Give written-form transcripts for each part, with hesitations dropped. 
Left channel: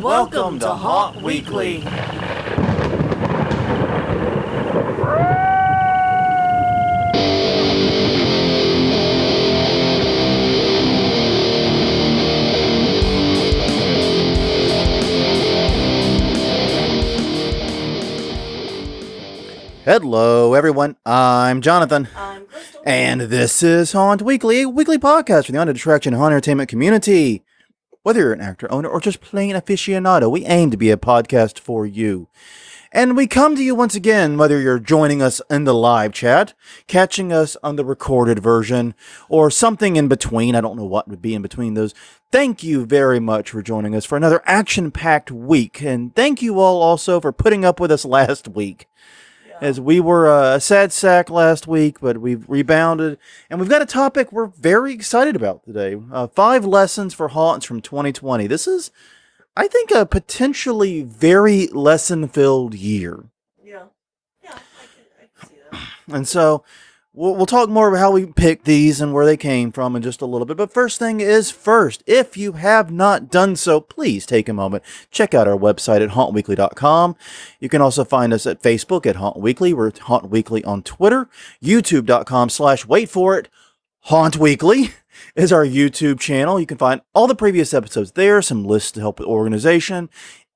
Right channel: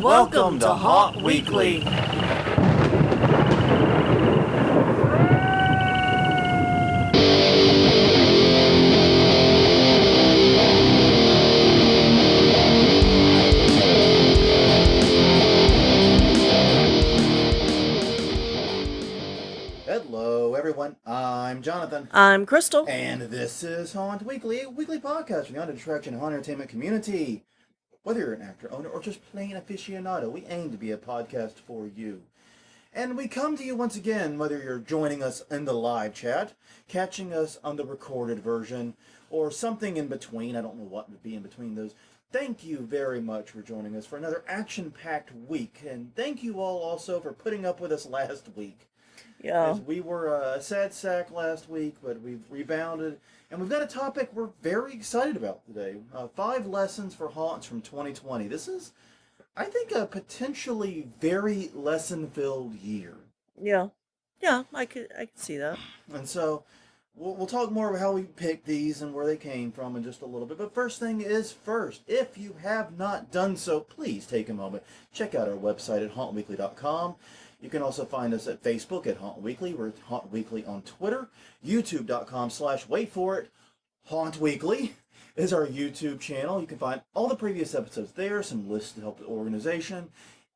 Welcome to Haunt Weekly. Hello, everyone. I'm Jonathan. I'm Crystal. And this is Haunt Weekly, a weekly podcast for the haunted attraction and haunt entertainment community. Whether you're an actor, owner, or just plain aficionado, we aim to be a podcast for you. And we come to you once again, whether you're joining us in the live chat, catching us on the recorded version, or something in between. I don't know what would be in between those. Thank you very much for joining us for another action-packed week. And thank you all also for putting up with us last week. Yeah. As we were a sad sack last week, but we've rebounded. And we've got a topic we're very excited about today. 5 lessons for haunts from 2020. This is, I think, a potentially very lesson-filled year. Yeah. Yeah, I could see that. And so we'll talk more about how we picked these and where they came from in just a little bit. But first thing is first, if you have not done so, please take a moment. Check out our website at hauntweekly.com. You can also find us at Facebook at Haunt Weekly. We're at Haunt Weekly on Twitter. YouTube.com/wait for it. Haunt Weekly is our YouTube channel. You can find all the previous episodes there, some lists to help with organization.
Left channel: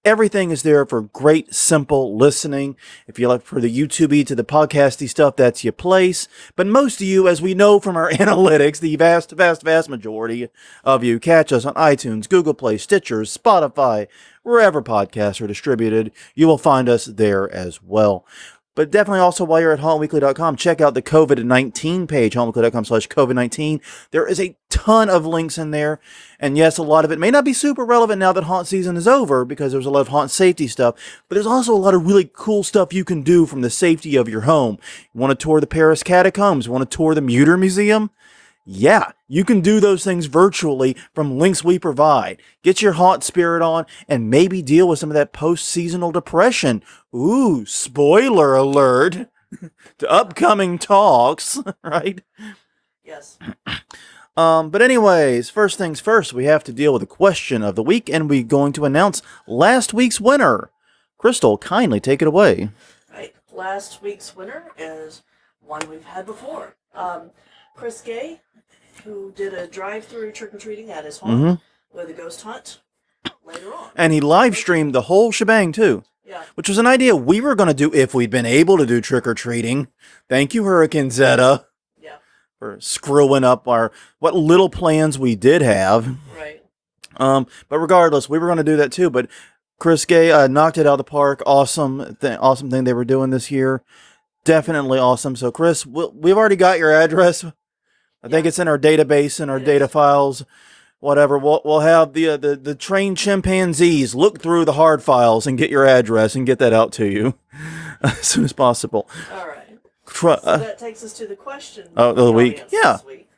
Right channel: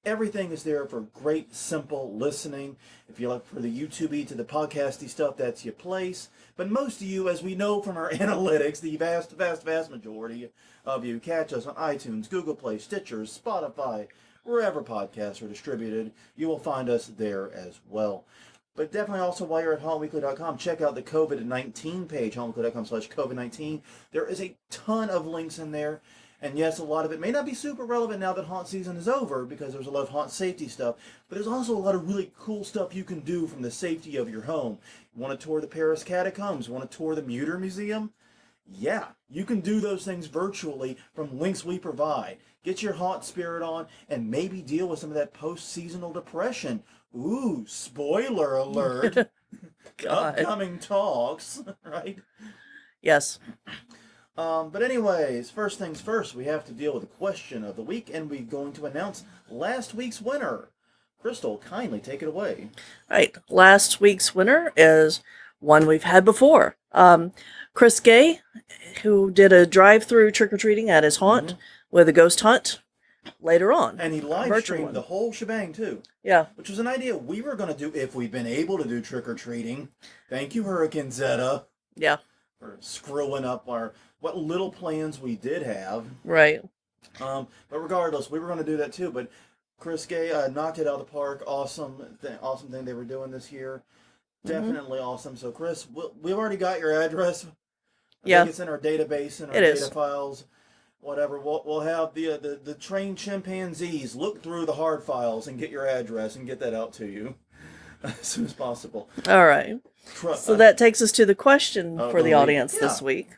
Everything is there for great, simple listening. If you like for the YouTube-y to the podcasty stuff, that's your place. But most of you, as we know from our analytics, the vast majority of you catch us on iTunes, Google Play, Stitcher, Spotify, wherever podcasts are distributed. You will find us there as well. But definitely also while you're at hauntweekly.com, check out the COVID-19 page, hauntweekly.com/COVID-19. There is a ton of links in there. And yes, a lot of it may not be super relevant now that haunt season is over because there's a lot of haunt safety stuff. But there's also a lot of really cool stuff you can do from the safety of your home. You want to tour the Paris Catacombs? You want to tour the Mutter Museum? Yeah, you can do those things virtually from links we provide. Get your haunt spirit on and maybe deal with some of that post-seasonal depression. Ooh, spoiler alert. Upcoming talks, right? Yes. But anyways, first things first, we have to deal with the question of the week, and we're going to announce last week's winner. Crystal, kindly take it away. Right. Last week's winner is one we've had before. Chris Gay, who did a drive-through trick-or-treating at his haunt with a ghost hunt later on. And he live-streamed the whole shebang, too. Yeah. Which was an idea we were going to do if we'd been able to do trick-or-treating. Thank you, Hurricane Zeta. Yeah. For screwing up what little plans we did have. Right. But regardless, we were going to do that, too. But Chris Gay knocked it out of the park. Awesome thing they were doing this year. Definitely awesome. So, Chris, we've already got your address. I think it's in our database, in our data files, whatever. We'll have the trained chimpanzees look through the hard files and get your address and get that out to you as soon as possible. All right. So that takes us to the question for the audience this week.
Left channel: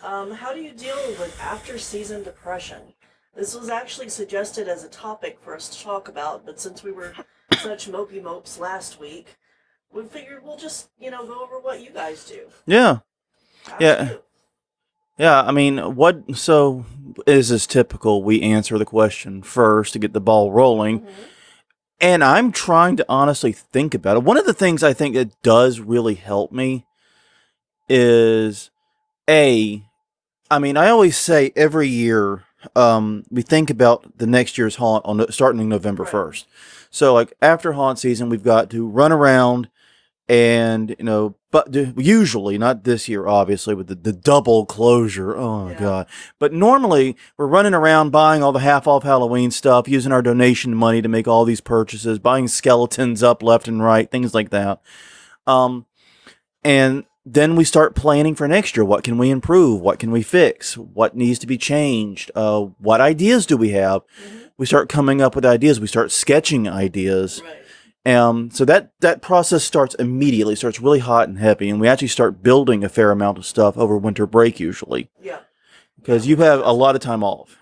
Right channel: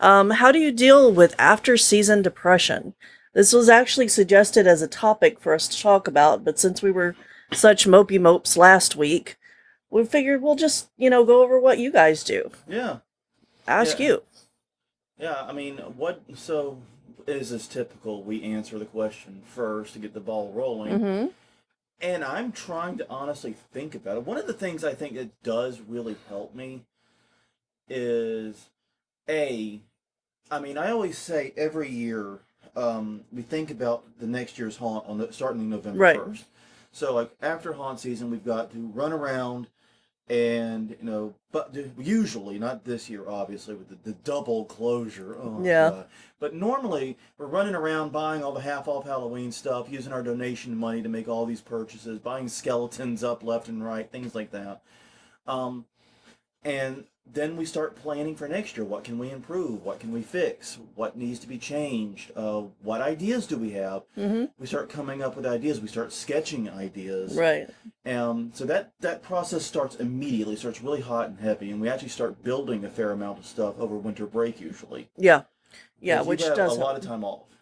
How do you deal with after-season depression? This was actually suggested as a topic for us to talk about, but since we were such mopey mopes last week, we figured we'll just, go over what you guys do. Yeah. Ask you. Yeah, I mean, so is this typical? We answer the question first to get the ball rolling. Mm-hmm. And I'm trying to honestly think about it. One of the things I think that does really help me is, I always say every year, we think about the next year's haunt starting November 1st. So, like, after haunt season, we've got to run around and, but usually, not this year, obviously, with the double closure. Oh, my God. But normally, we're running around buying all the half-off Halloween stuff, using our donation money to make all these purchases, buying skeletons up left and right, things like that. And then we start planning for next year. What can we improve? What can we fix? What needs to be changed? What ideas do we have? Mm-hmm. We start coming up with ideas. We start sketching ideas. Right. So that process starts immediately, starts really hot and heavy, and we actually start building a fair amount of stuff over winter break usually. Yeah. Because you have a lot of time off.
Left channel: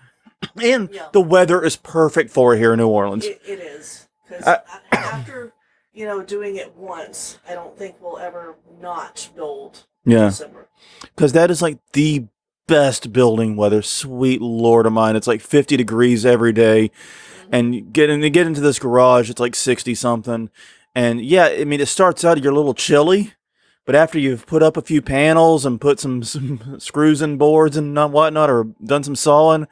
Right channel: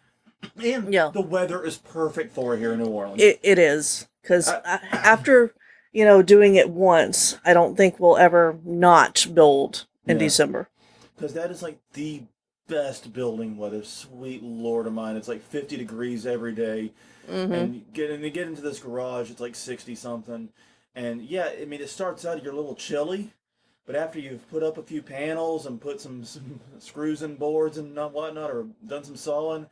And the weather is perfect for it here in New Orleans. It is. Because after, doing it once, I don't think we'll ever not build in December. Because that is like the best building weather. Sweet Lord of mine. It's like 50 degrees every day. Mm-hmm. And you get into this garage, it's like 60 something. And yeah, I mean, it starts out, you're a little chilly. But after you've put up a few panels and put some screws in boards and whatnot, or done some sawing,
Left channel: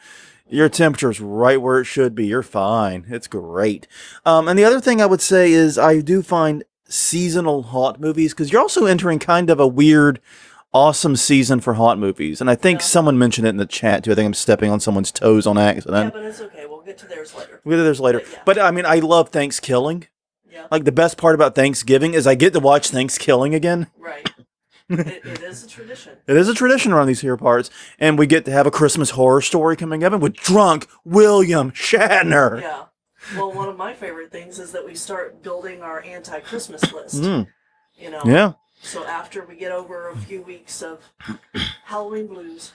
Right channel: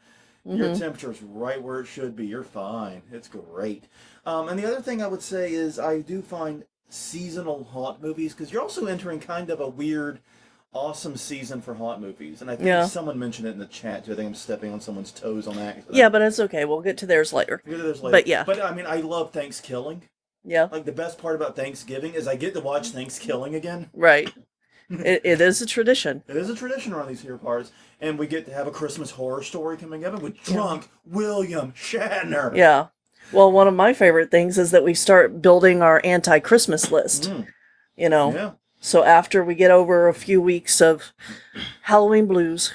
your temperature's right where it should be. You're fine. It's great. And the other thing I would say is I do find seasonal haunt movies, because you're also entering kind of a weird, awesome season for haunt movies. And I think someone mentioned it in the chat, too. I think I'm stepping on someone's toes on accident. Yeah, but it's okay. We'll get to theirs later. But yeah. But, I mean, I love Thanksgiving. Yeah. Like, the best part about Thanksgiving is I get to watch Thanksgiving again. Right. It is a tradition. It is a tradition around these here parts. And we get to have a Christmas Horror Story coming up with drunk William Shatner. Yeah. Well, one of my favorite things is that we start building our anti-Christmas list. You know? Yeah. So after we get over a few weeks of Halloween blues,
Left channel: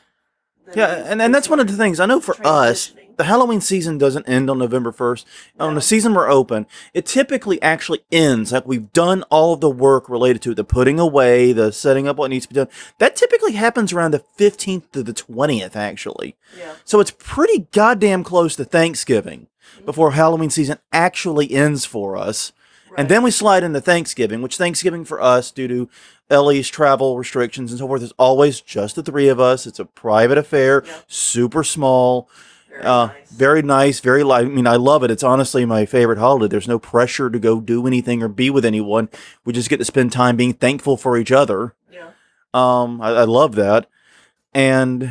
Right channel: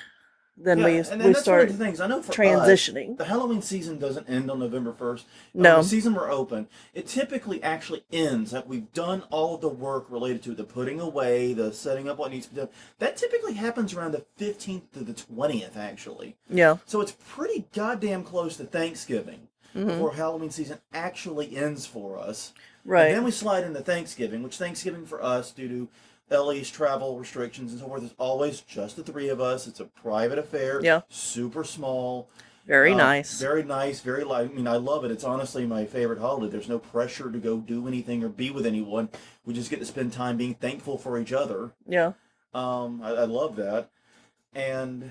then and that's one of the things. I know for us, the Halloween season doesn't end on November 1st. No. The season we're open, it typically actually ends. Like, we've done all of the work related to it, the putting away, the setting up what needs to be done. That typically happens around the 15th to the 20th, actually. Yeah. So it's pretty goddamn close to Thanksgiving before Halloween season actually ends for us. Right. And then we slide into Thanksgiving, which Thanksgiving for us, due to Ellie's travel restrictions and so forth, is always just the three of us. It's a private affair. Yeah. Super small. Very nice. Very nice. Very light. I mean, I love it. It's honestly my favorite holiday. There's no pressure to go do anything or be with anyone. We just get to spend time being thankful for each other. Yeah. I love that. And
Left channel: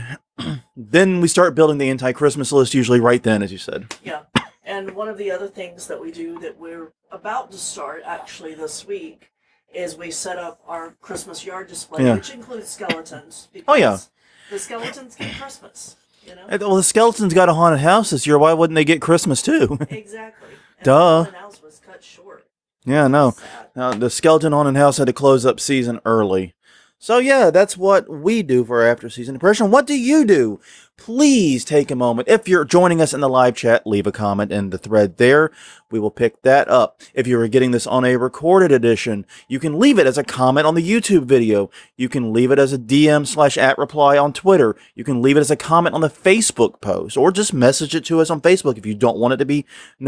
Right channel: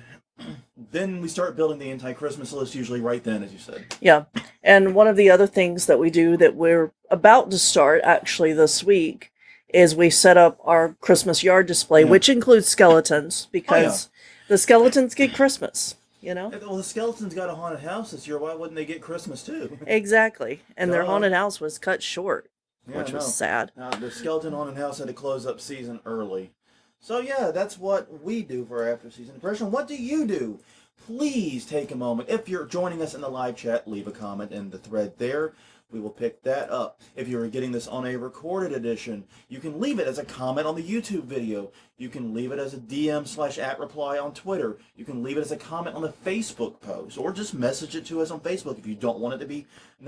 then we start building the anti-Christmas list, usually right then, as you said. Yeah. And one of the other things that we do that we're about to start actually this week is we set up our Christmas yard display, which includes skeletons, because the skeletons get Christmas, you know? Well, the skeletons got a haunted house this year. Why wouldn't they get Christmas too? Exactly. And the haunted house was cut short. Yeah, no. Sad. The skeleton haunted house had to close up season early. So yeah, that's what we do for our after season depression. What do you do? Please take a moment. If you're joining us in the live chat, leave a comment in the thread there. We will pick that up. If you are getting this on a recorded edition, you can leave it as a comment on the YouTube video. You can leave it as a DM/@ reply on Twitter. You can leave it as a comment on the Facebook post, or just message it to us on Facebook if you don't want it to be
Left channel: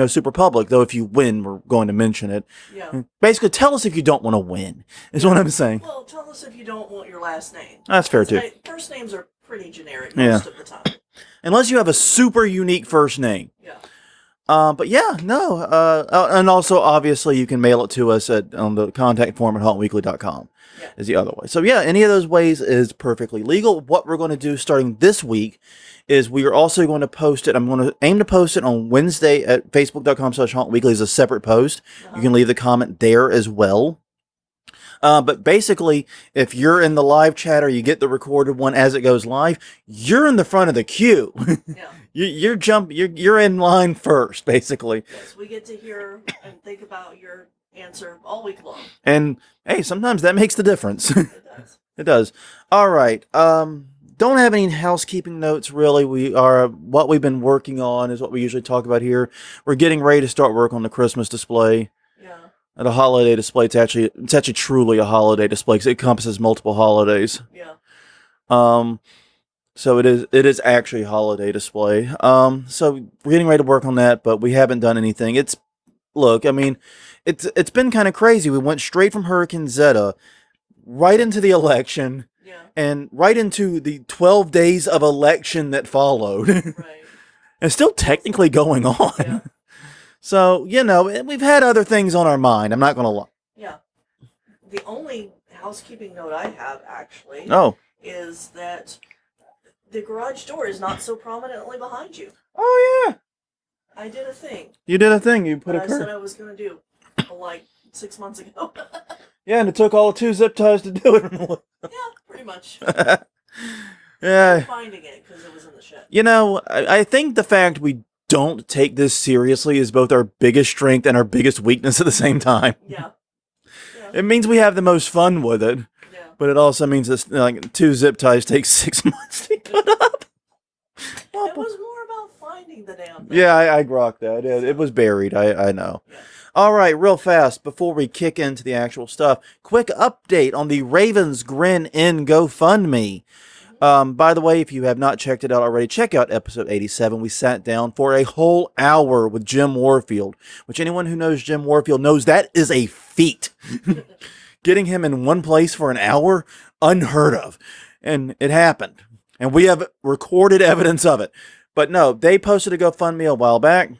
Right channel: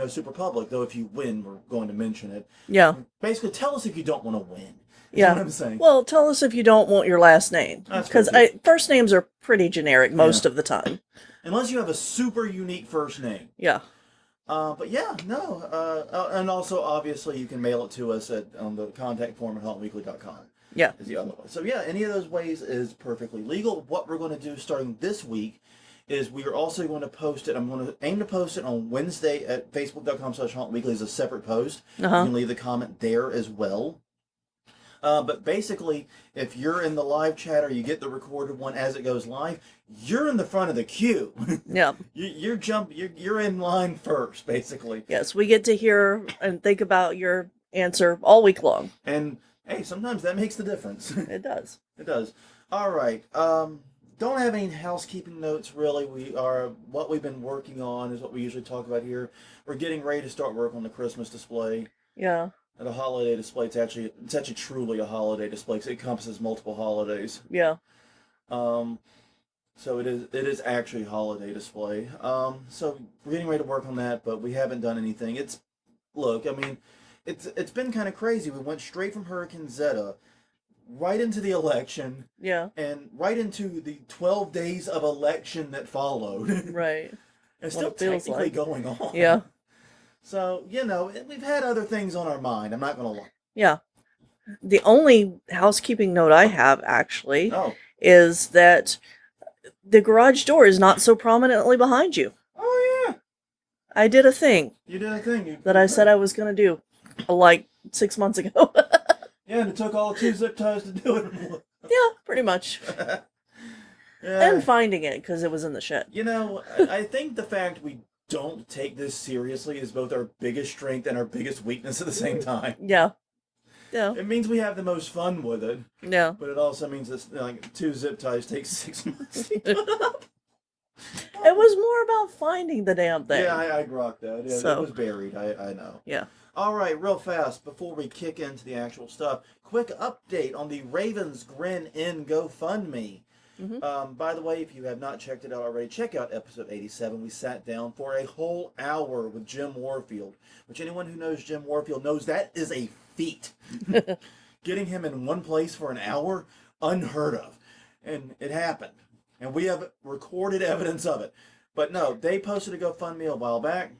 super public. Though if you win, we're going to mention it. Yeah. Basically, tell us if you don't want to win, is what I'm saying. Well, tell us if you don't want your last name. That's fair, too. First names are pretty generic most of the time. Unless you have a super unique first name. Yeah. But yeah, no. And also, obviously, you can mail it to us on the contact form at hauntweekly.com. Yeah. Is the other way. So yeah, any of those ways is perfectly legal. What we're going to do starting this week is we are also going to post it. I'm going to aim to post it on Wednesday at facebook.com/hauntweekly as a separate post. You can leave the comment there as well. But basically, if you're in the live chat or you get the recorded one as it goes live, you're in the front of the queue. Yeah. You're in line first, basically. Yes, we get to hear and think about your answer all week long. And hey, sometimes that makes the difference. It does. It does. All right. Don't have any housekeeping notes, really. What we've been working on is what we usually talk about here. We're getting ready to start work on the Christmas display. Yeah. The holiday display, it's actually truly a holiday display because it encompasses multiple holidays. Yeah. So it is actually a holiday display. So we're getting ready to work on that, but we haven't done anything. It's been kind of crazy. We went straight from Hurricane Zeta right into the election. Yeah. And right into the 12 days of election that followed. Right. And still technically going on. Yeah. So, we've had other things on our mind. I'm not going to lie. Yeah. The only housekeeping note I have, actually, is that the garage door is not so prominently behind you. Oh, yeah. I did a thing. You did a thing. That I said I was going to do, like, 6 months ago. Yeah, and it took all 2 zip ties to do it. Yeah, pretty much. Yeah. And finding it, because it was in the shed. I think the fact we don't take this seriously is both our biggest strength and our biggest weakness at the same time. Yeah. Yeah. It means we have the most fun with it. Yeah. But it also means that 2 zip ties take 6 months to put up. It was more about finding the damn thing. Yeah, I grokked that. It was buried. I know. Yeah. All right, real fast, before we kick into the actual stuff, quick update on the Ravens Grin In GoFundMe. Mm-hmm. By the way, if you have not checked it out already, check out episode 87. We sat down for a whole hour with Jim Warfield, which anyone who knows Jim Warfield knows that is a feat. Getting him in one place for an hour, unheard of. And it happened. And we have recorded evidence of it. But no, they posted a GoFundMe a while back,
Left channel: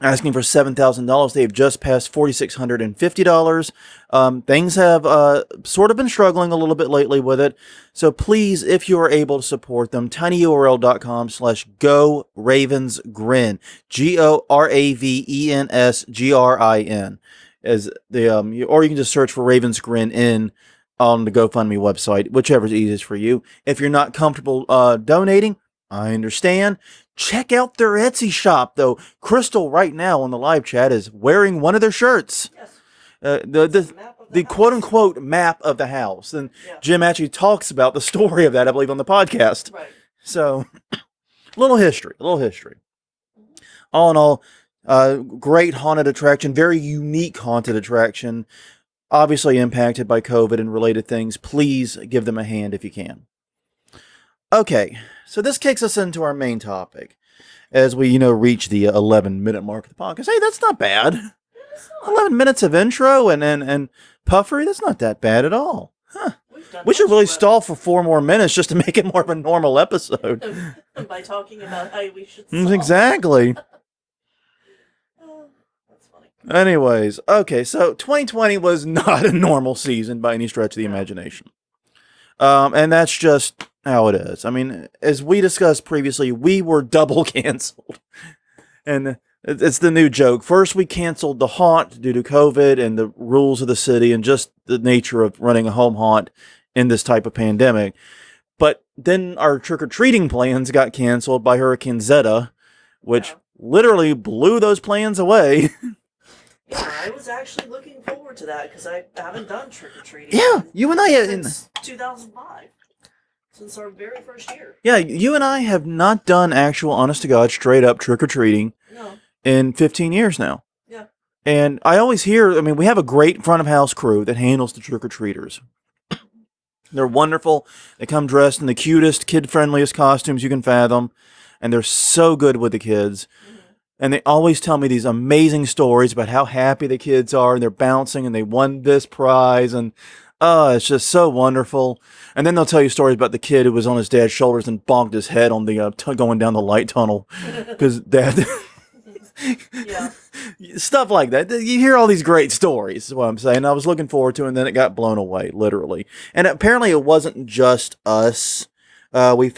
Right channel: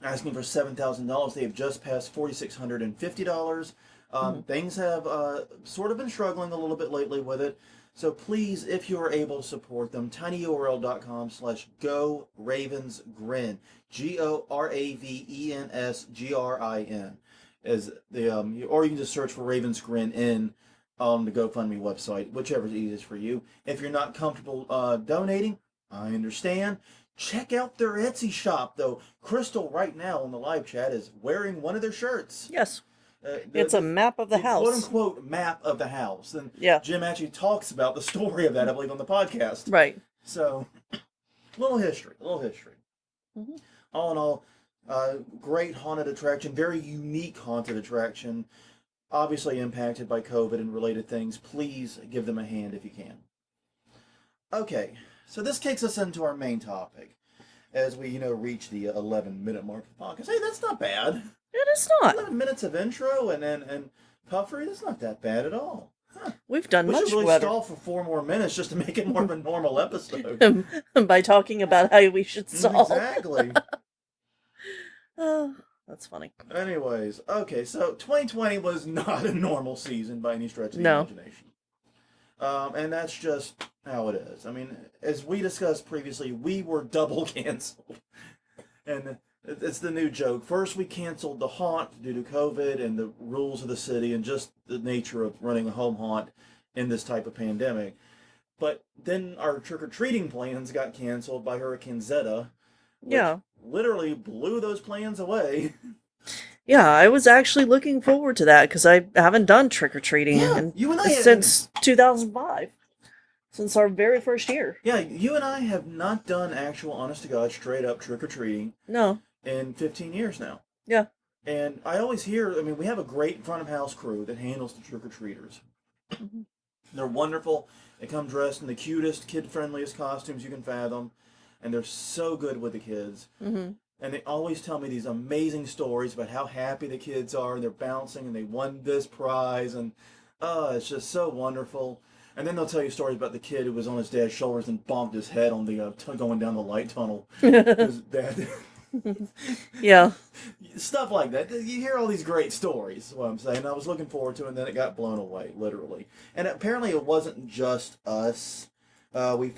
asking for $7,000. They've just passed $4,650. Things have sort of been struggling a little bit lately with it. So please, if you are able to support them, tinyurl.com/GoRavensGrin, GoRavensGrin, as the or you can just search for Ravens Grin on the GoFundMe website, whichever is easiest for you. If you're not comfortable donating, I understand. Check out their Etsy shop, though. Crystal, right now on the live chat, is wearing one of their shirts. Yes. It's a map of the house. The quote-unquote map of the house. And yeah. Jim actually talks about the story of that, I believe, on the podcast. Right. So, a little history. Mm-hmm. All in all, great haunted attraction, very unique haunted attraction, obviously impacted by COVID and related things. Please give them a hand if you can. Okay, so this kicks us into our main topic as we, reach the 11-minute mark of the podcast. Hey, that's not bad. It is not. 11 minutes of intro and puffery, that's not that bad at all. Huh. We've done. We should really stall for 4 more minutes just to make it more of a normal episode. By talking about how we should stall. Exactly. Oh, that's funny. Anyways, okay, so 2020 was not a normal season by any stretch of the imagination. And that's just how it is. I mean, as we discussed previously, we were double canceled. And it's the new joke. First, we canceled the haunt due to COVID and the rules of the city and just the nature of running a home haunt in this type of pandemic. But then our trick-or-treating plans got canceled by Hurricane Zeta, which literally blew those plans away. Yeah, I was actually looking forward to that because I haven't done trick-or-treating you and I since 2005. Since our very first year. Yeah, you and I have not done actual, honest-to-God, straight-up trick-or-treating in 15 years now. Yeah. And I always hear, we have a great front-of-house crew that handles the trick-or-treaters. Mm-hmm. They're wonderful. They come dressed in the cutest, kid-friendliest costumes you can fathom. And they're so good with the kids. Mm-hmm. And they always tell me these amazing stories about how happy the kids are. And they're bouncing and they won this prize. And it's just so wonderful. And then they'll tell you stories about the kid who was on his dad's shoulders and bonked his head on the going down the light tunnel. Because dad... Yeah. Stuff like that. You hear all these great stories, is what I'm saying. I was looking forward to it, and then it got blown away, literally. And apparently it wasn't just us. We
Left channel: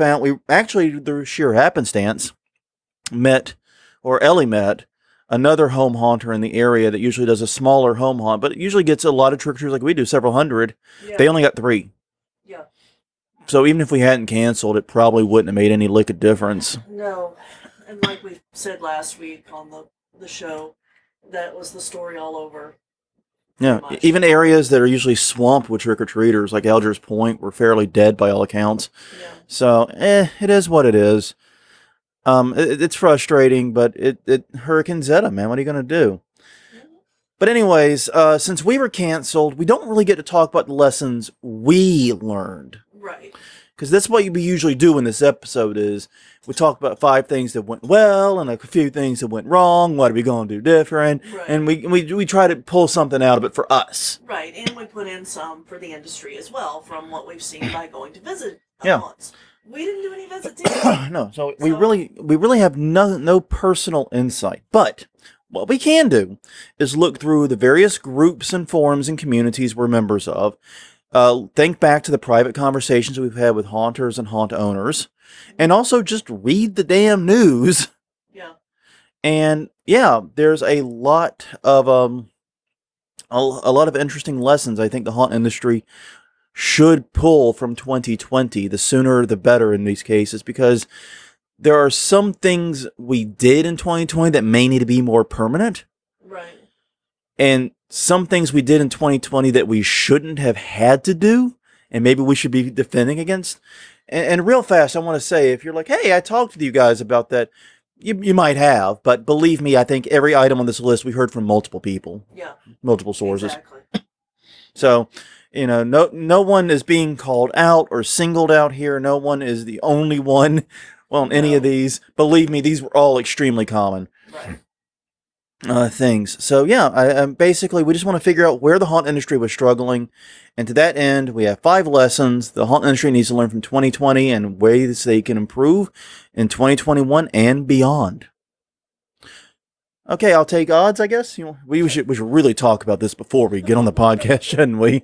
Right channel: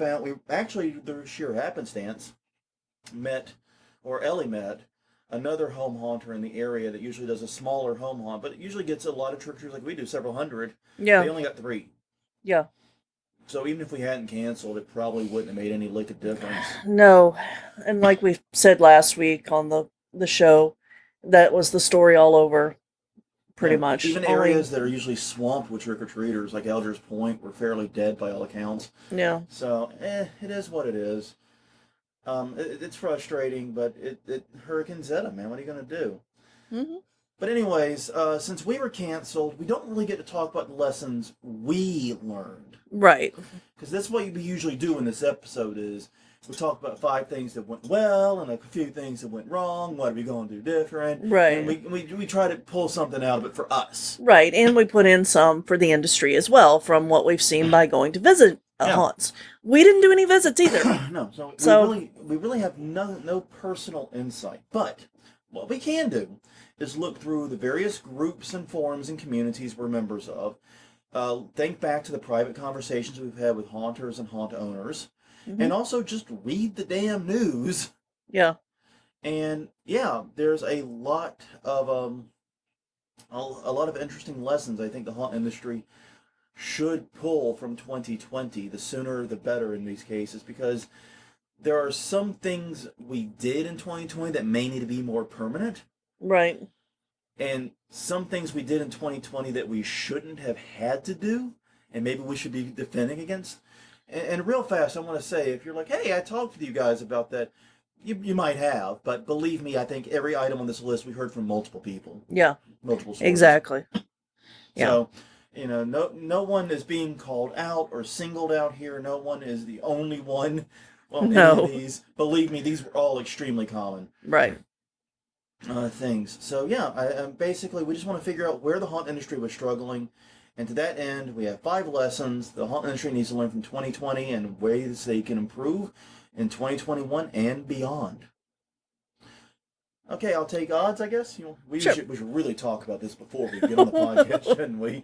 actually, through sheer happenstance, Ellie met another home haunter in the area that usually does a smaller home haunt, but it usually gets a lot of trick-or-treaters like we do, several hundred. Yeah. They only got 3. Yeah. So even if we hadn't canceled, it probably wouldn't have made any lick of difference. No. And like we said last week on the show, that was the story all over. Pretty much. Even areas that are usually swamped with trick-or-treaters, like Algiers Point, were fairly dead by all accounts. Yeah. So, it is what it is. It's frustrating, but it Hurricane Zeta, man. What are you going to do? Mm-hmm. But anyways, since we were canceled, we don't really get to talk about the lessons we learned. Right. Because that's what we usually do in this episode is we talk about 5 things that went well and a few things that went wrong. What are we going to do different? Right. And we try to pull something out of it for us. Right. And we put in some for the industry as well from what we've seen by going to visit haunts. We didn't do any visits either. No. So we really have no personal insight. But what we can do is look through the various groups and forums and communities we're members of. Think back to the private conversations we've had with haunters and haunt owners. Mm-hmm. And also just read the damn news. Yeah. And there's a lot of a lot of interesting lessons I think the haunt industry should pull from 2020. The sooner the better in these cases, because there are some things we did in 2020 that may need to be more permanent. Right. And some things we did in 2020 that we shouldn't have had to do, and maybe we should be defending against. And real fast, I want to say, if you're like, hey, I talked with you guys about that, you might have, but believe me, I think every item on this list we heard from multiple people. Yeah. Multiple sources. Exactly. So no one is being called out or singled out here. No one is the only one. Well, any of these, believe me, these were all extremely common. Right. Things. So yeah, I basically we just want to figure out where the haunt industry was struggling, and to that end, we have 5 lessons the haunt industry needs to learn from 2020 and ways they can improve in 2021 and beyond. Okay, I'll take odds, I guess. We should really talk about this before we get on the podcast, shouldn't we?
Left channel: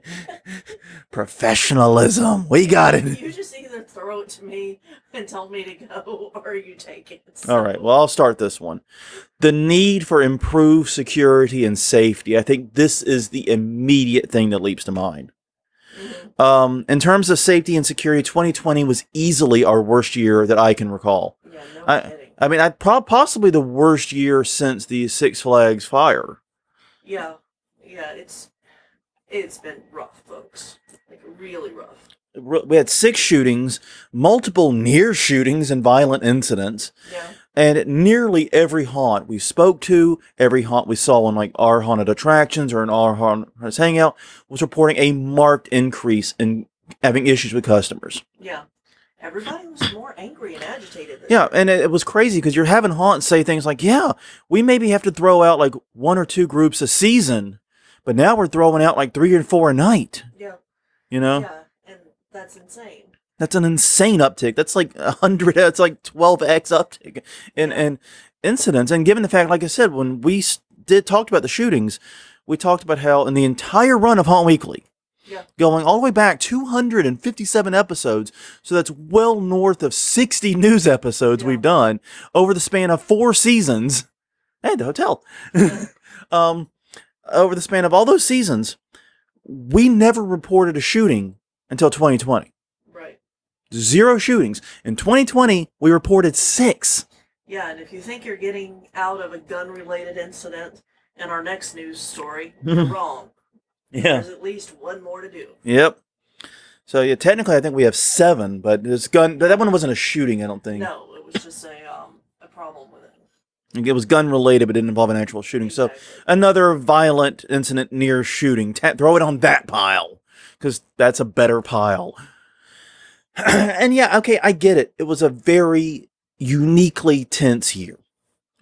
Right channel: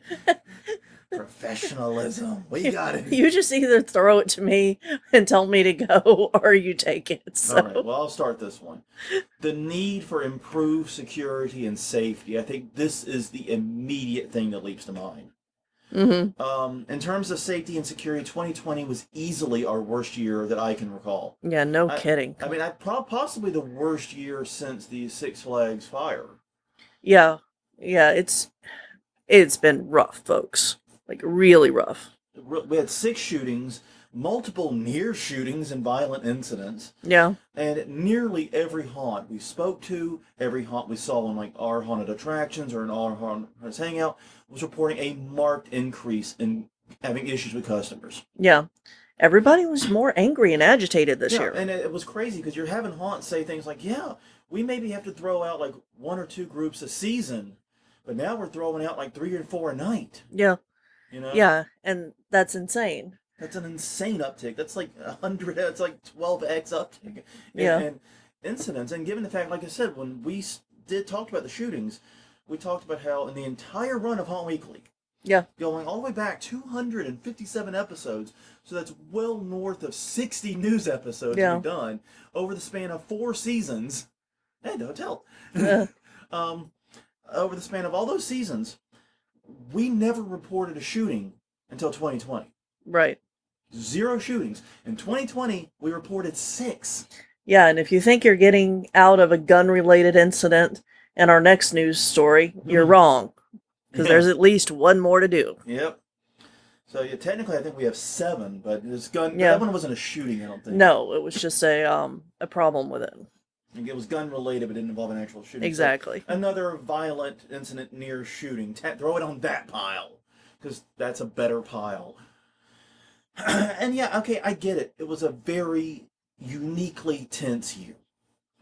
Professionalism. We got it. You just either throw it to me and tell me to go, or you take it. So. All right, well, I'll start this one. The need for improved security and safety. I think this is the immediate thing that leaps to mind. Mm-hmm. In terms of safety and security, 2020 was easily our worst year that I can recall. Yeah, no kidding. I mean, possibly the worst year since the Six Flags fire. Yeah, it's been rough, folks. Like, really rough. We had 6 shootings, multiple near shootings and violent incidents. Yeah. And nearly every haunt we spoke to, every haunt we saw in like our haunted attractions or in our haunted hangout was reporting a marked increase in having issues with customers. Yeah. Everybody was more angry and agitated this year. Yeah, and it was crazy because you're having haunts say things like, yeah, we maybe have to throw out like 1 or 2 groups a season, but now we're throwing out like 3 or 4 a night. Yeah. Yeah, and that's insane. That's an insane uptick. That's like 100. That's like 12x uptick in incidents. And given the fact, like I said, when we talked about the shootings, we talked about how in the entire run of Haunt Weekly, going all the way back 257 episodes, so that's well north of 60 news episodes we've done over the span of 4 seasons. Hey, the hotel. Over the span of all those seasons, we never reported a shooting until 2020. Right. 0 shootings. In 2020, we reported 6. Yeah, and if you think you're getting out of a gun-related incident in our next news story, you're wrong. Because there's at least 1 more to do. Yep. So, yeah, technically I think we have 7, but this gun, that one wasn't a shooting, I don't think. No, it was just a problem with it. It was gun-related, but didn't involve an actual shooting. Exactly. So, another violent incident near shooting. Throw it on that pile, because that's a better pile. And yeah, okay, I get it. It was a very uniquely tense year.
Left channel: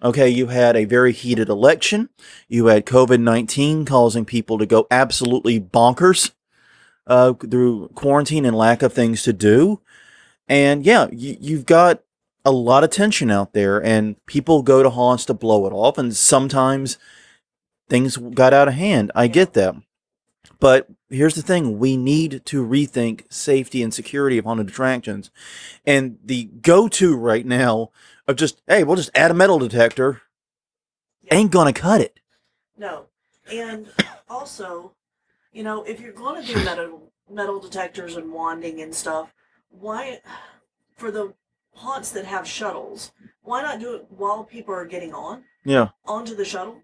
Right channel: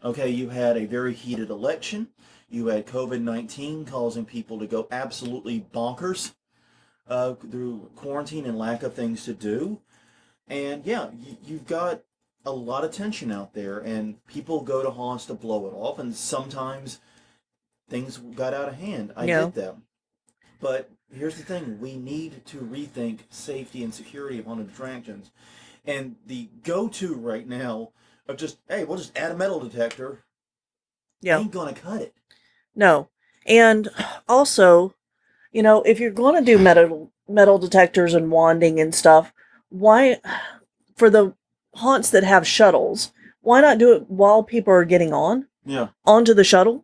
Okay, you had a very heated election. You had COVID-19 causing people to go absolutely bonkers through quarantine and lack of things to do. And yeah, you've got a lot of tension out there, and people go to haunts to blow it off, and sometimes things got out of hand. I get that. But here's the thing. We need to rethink safety and security of haunted attractions. And the go-to right now of just, hey, we'll just add a metal detector ain't going to cut it. No. And also, if you're going to do metal detectors and wanding and stuff, why, for the haunts that have shuttles, why not do it while people are getting onto the shuttle?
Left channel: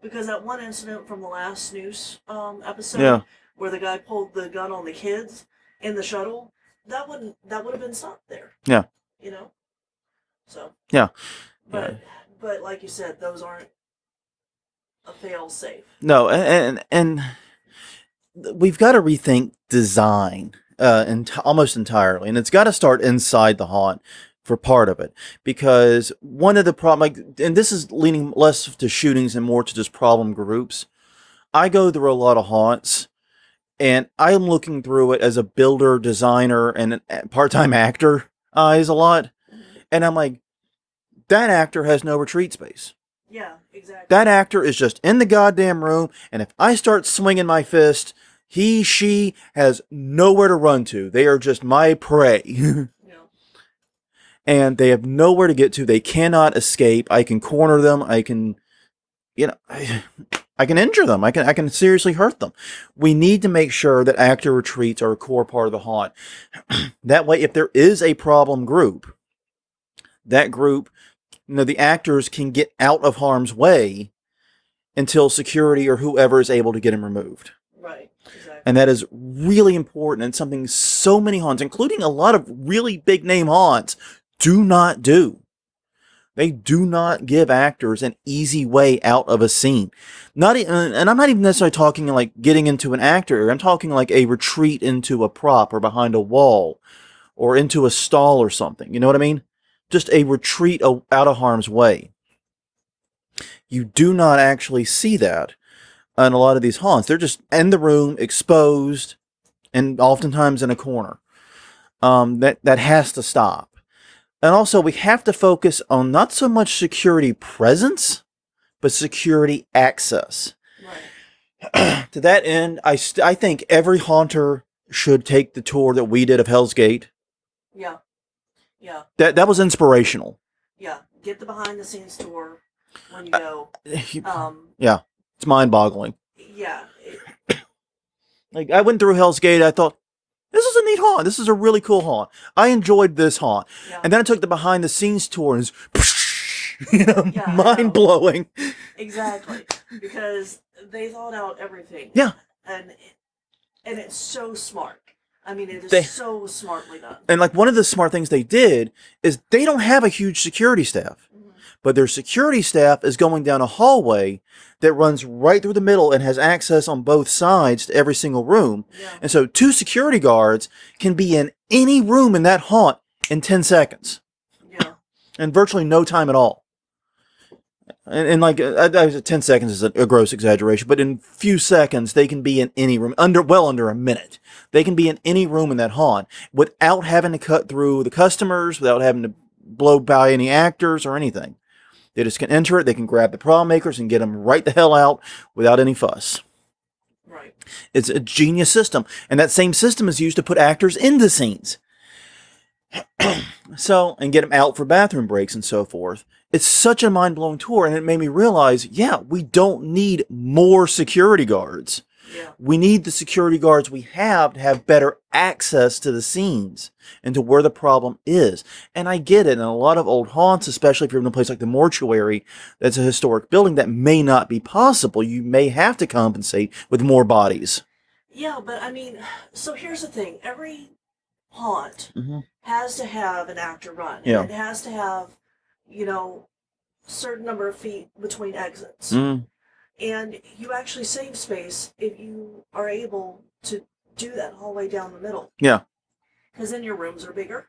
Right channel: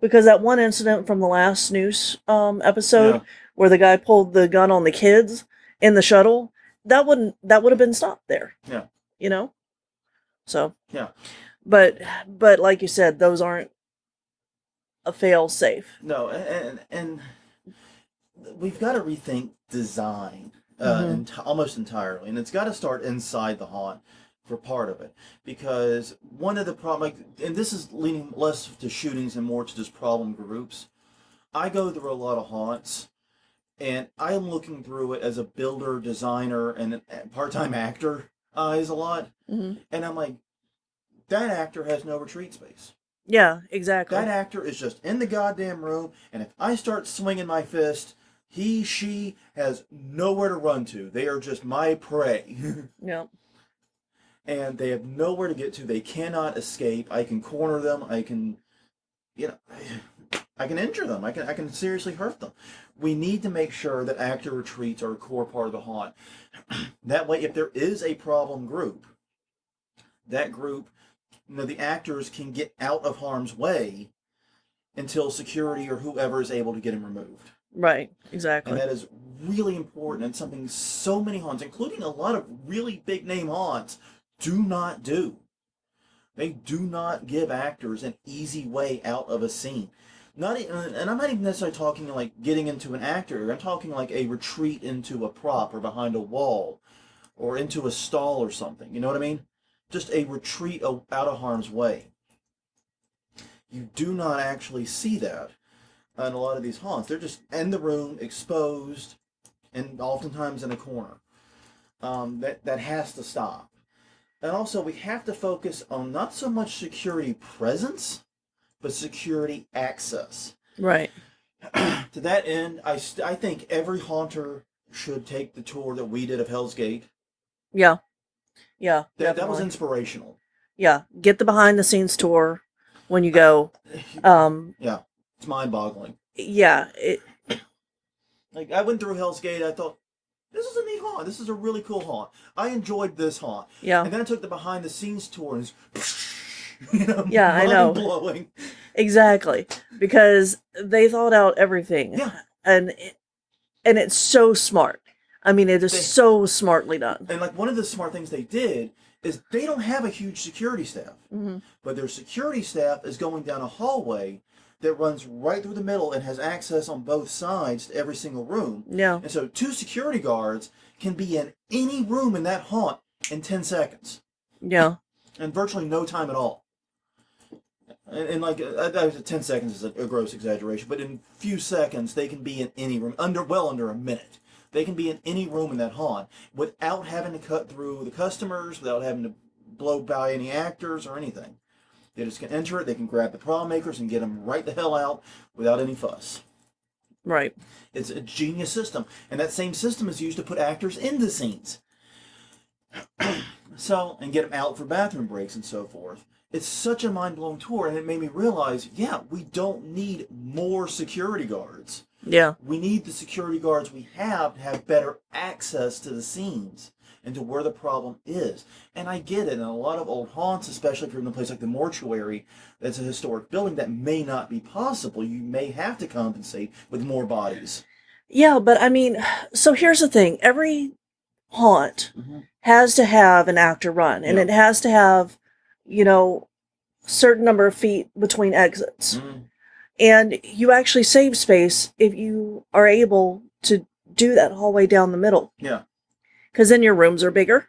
Because that one incident from the last news episode where the guy pulled the gun on the kids in the shuttle, that would have been stopped there. Yeah. So yeah. But like you said, those aren't a fail safe. No, and we've got to rethink design almost entirely, and it's got to start inside the haunt for part of it, because one of the problem, and this is leaning less to shootings and more to just problem groups. I go through a lot of haunts, and I'm looking through it as a builder, designer, and a part-time actor eyes a lot, and I'm like, that actor has no retreat space. Yeah, exactly. That actor is just in the goddamn room, and if I start swinging my fist, she has nowhere to run to. They are just my prey. Yeah. And they have nowhere to get to. They cannot escape. I can corner them. I can, I can injure them. I can seriously hurt them. We need to make sure that actor retreats are a core part of the haunt. That way, if there is a problem group, that group, the actors can get out of harm's way until security or whoever is able to get them removed. Right, exactly. And that is really important, and something so many haunts, including a lot of really big name haunts, do not do. They do not give actors an easy way out of a scene. And I'm not even necessarily talking like getting into an actor. I'm talking like a retreat into a prop or behind a wall or into a stall or something. You know what I mean? Just a retreat out of harm's way. You do not actually see that in a lot of these haunts. They're just in the room, exposed, and oftentimes in a corner. That has to stop. And also, we have to focus on not so much security presence, but security access. Right. To that end, I think every haunter should take the tour that we did of Hell's Gate. Yeah. Yeah. That was inspirational. Yeah. Get the behind the scenes tour when you go. Yeah. It's mind-boggling. Yeah. Like, I went through Hell's Gate, I thought, this is a neat haunt. This is a really cool haunt. I enjoyed this haunt. Yeah. And then I took the behind the scenes tour and it's mind-blowing. Exactly. Because they thought out everything. Yeah. And it's so smart. I mean, it is so smartly done. And like one of the smart things they did is they don't have a huge security staff. Mm-hmm. But their security staff is going down a hallway that runs right through the middle and has access on both sides to every single room. Yeah. And so 2 security guards can be in any room in that haunt in 10 seconds. Yeah. And virtually no time at all. And like, 10 seconds is a gross exaggeration, but in few seconds, they can be in any room, under a minute. They can be in any room in that haunt without having to cut through the customers, without having to blow by any actors or anything. They just can enter it, they can grab the problem makers and get them right the hell out without any fuss. Right. It's a genius system. And that same system is used to put actors into scenes. And get them out for bathroom breaks and so forth. It's such a mind-blowing tour, and it made me realize, we don't need more security guards. Yeah. We need the security guards we have to have better access to the scenes and to where the problem is. And I get it. In a lot of old haunts, especially if you're in a place like the mortuary, that's a historic building, that may not be possible. You may have to compensate with more bodies. Yeah, but I mean, so here's the thing. Every haunt has to have an actor run, and it has to have, certain number of feet between exits. And you actually save space if you are able to do that hallway down the middle. Yeah. Because then your rooms are bigger.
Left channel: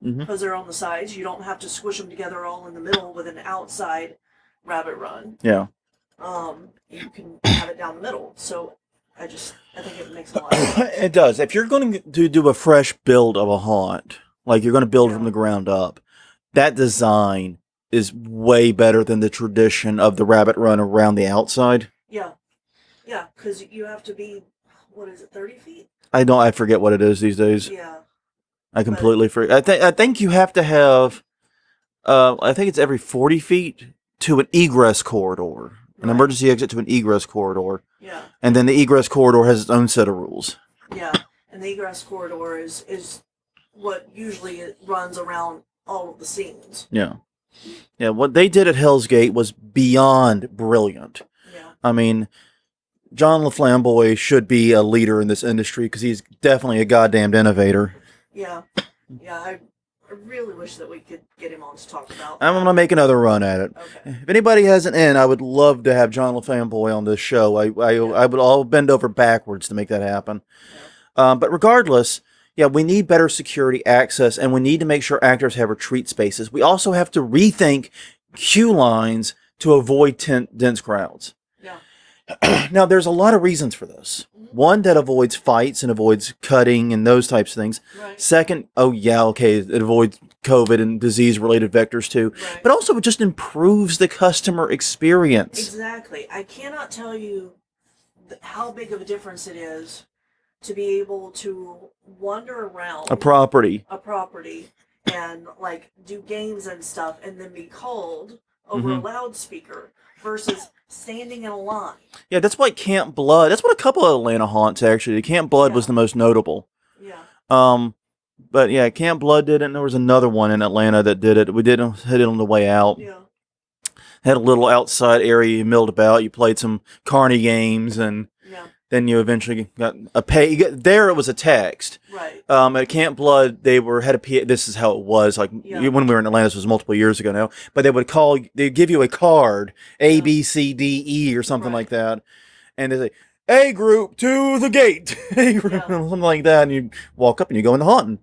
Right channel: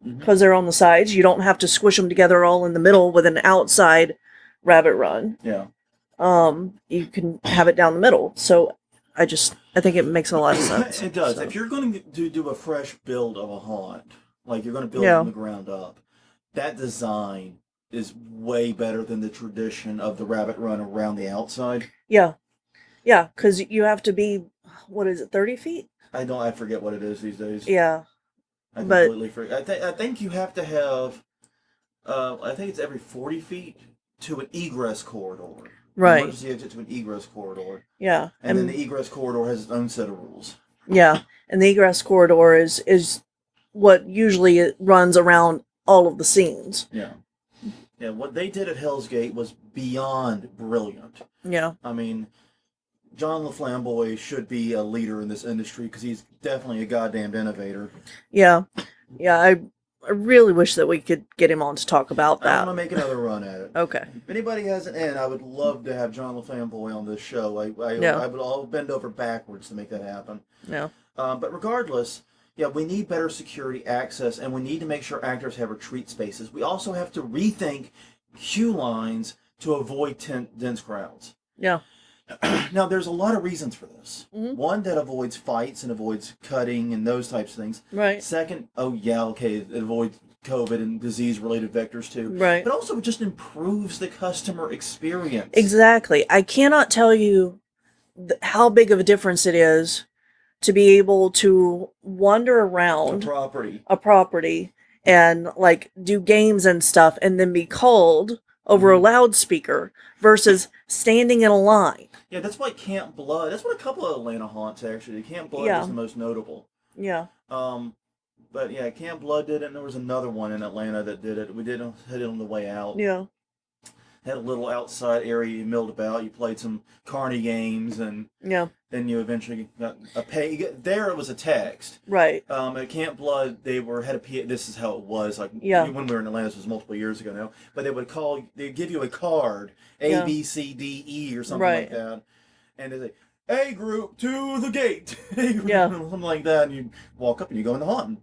Because they're on the sides. You don't have to squish them together all in the middle with an outside rabbit run. Yeah. You can have it down the middle. So I think it makes a lot of sense. It does. If you're going to do a fresh build of a haunt, like you're going to build from the ground up, that design is way better than the tradition of the rabbit run around the outside. Yeah. Yeah, because you have to be, 30 feet? I forget what it is these days. Yeah. I completely forget. I think you have to have, I think it's every 40 feet to an egress corridor. Right. An emergency exit to an egress corridor. Yeah. And then the egress corridor has its own set of rules. Yeah. And the egress corridor is what usually it runs around all of the scenes. Yeah. Yeah, what they did at Hell's Gate was beyond brilliant. Yeah. I mean, John LaFlamboy should be a leader in this industry because he's definitely a goddamned innovator. Yeah. Yeah, I really wish that we could get him on to talk about that. I'm going to make another run at it. Okay. If anybody has an in, I would love to have John LaFlamboy on this show. I'll bend over backwards to make that happen. Yeah. But regardless, we need better security access, and we need to make sure actors have retreat spaces. We also have to rethink queue lines to avoid dense crowds. Yeah. Now, there's a lot of reasons for this. One, that avoids fights and avoids cutting and those types of things. Right. Second, it avoids COVID and disease-related vectors too. Right. But also, it just improves the customer experience. Exactly. I cannot tell you how big of a difference it is to be able to wander around a property and like do games and stuff and then be called over a loudspeaker versus standing in a line. Yeah, that's why Camp Blood, that's what a couple of Atlanta haunts actually. Camp Blood was the most notable. Yeah. But yeah, Camp Blood did it, and there was another one in Atlanta that did it. We hit it on the way out. Yeah. Had a little outside area you milled about. You played some carny games and Then you eventually got a pay. There it was a text. Right. At Camp Blood, they had a PA. This is how it was. Like when we were in Atlanta, this was multiple years ago now. But they'd give you a card, A, B, C, D, E, or something like that. And they say, A group to the gate. A group, something like that. And you walk up and you go into haunting.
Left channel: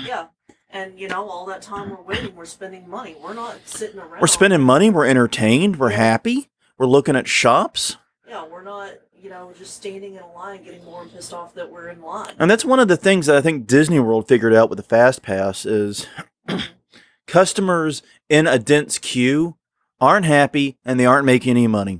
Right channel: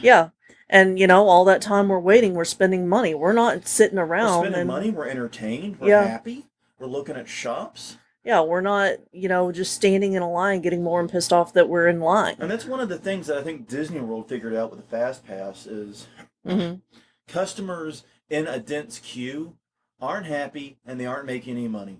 Yeah. And, all that time we're waiting, we're spending money. We're not sitting around. We're spending money. We're entertained. We're happy. We're looking at shops. Yeah, we're not, just standing in a line getting more and pissed off that we're in line. And that's one of the things that I think Disney World figured out with the Fast Pass is customers in a dense queue aren't happy and they aren't making any money.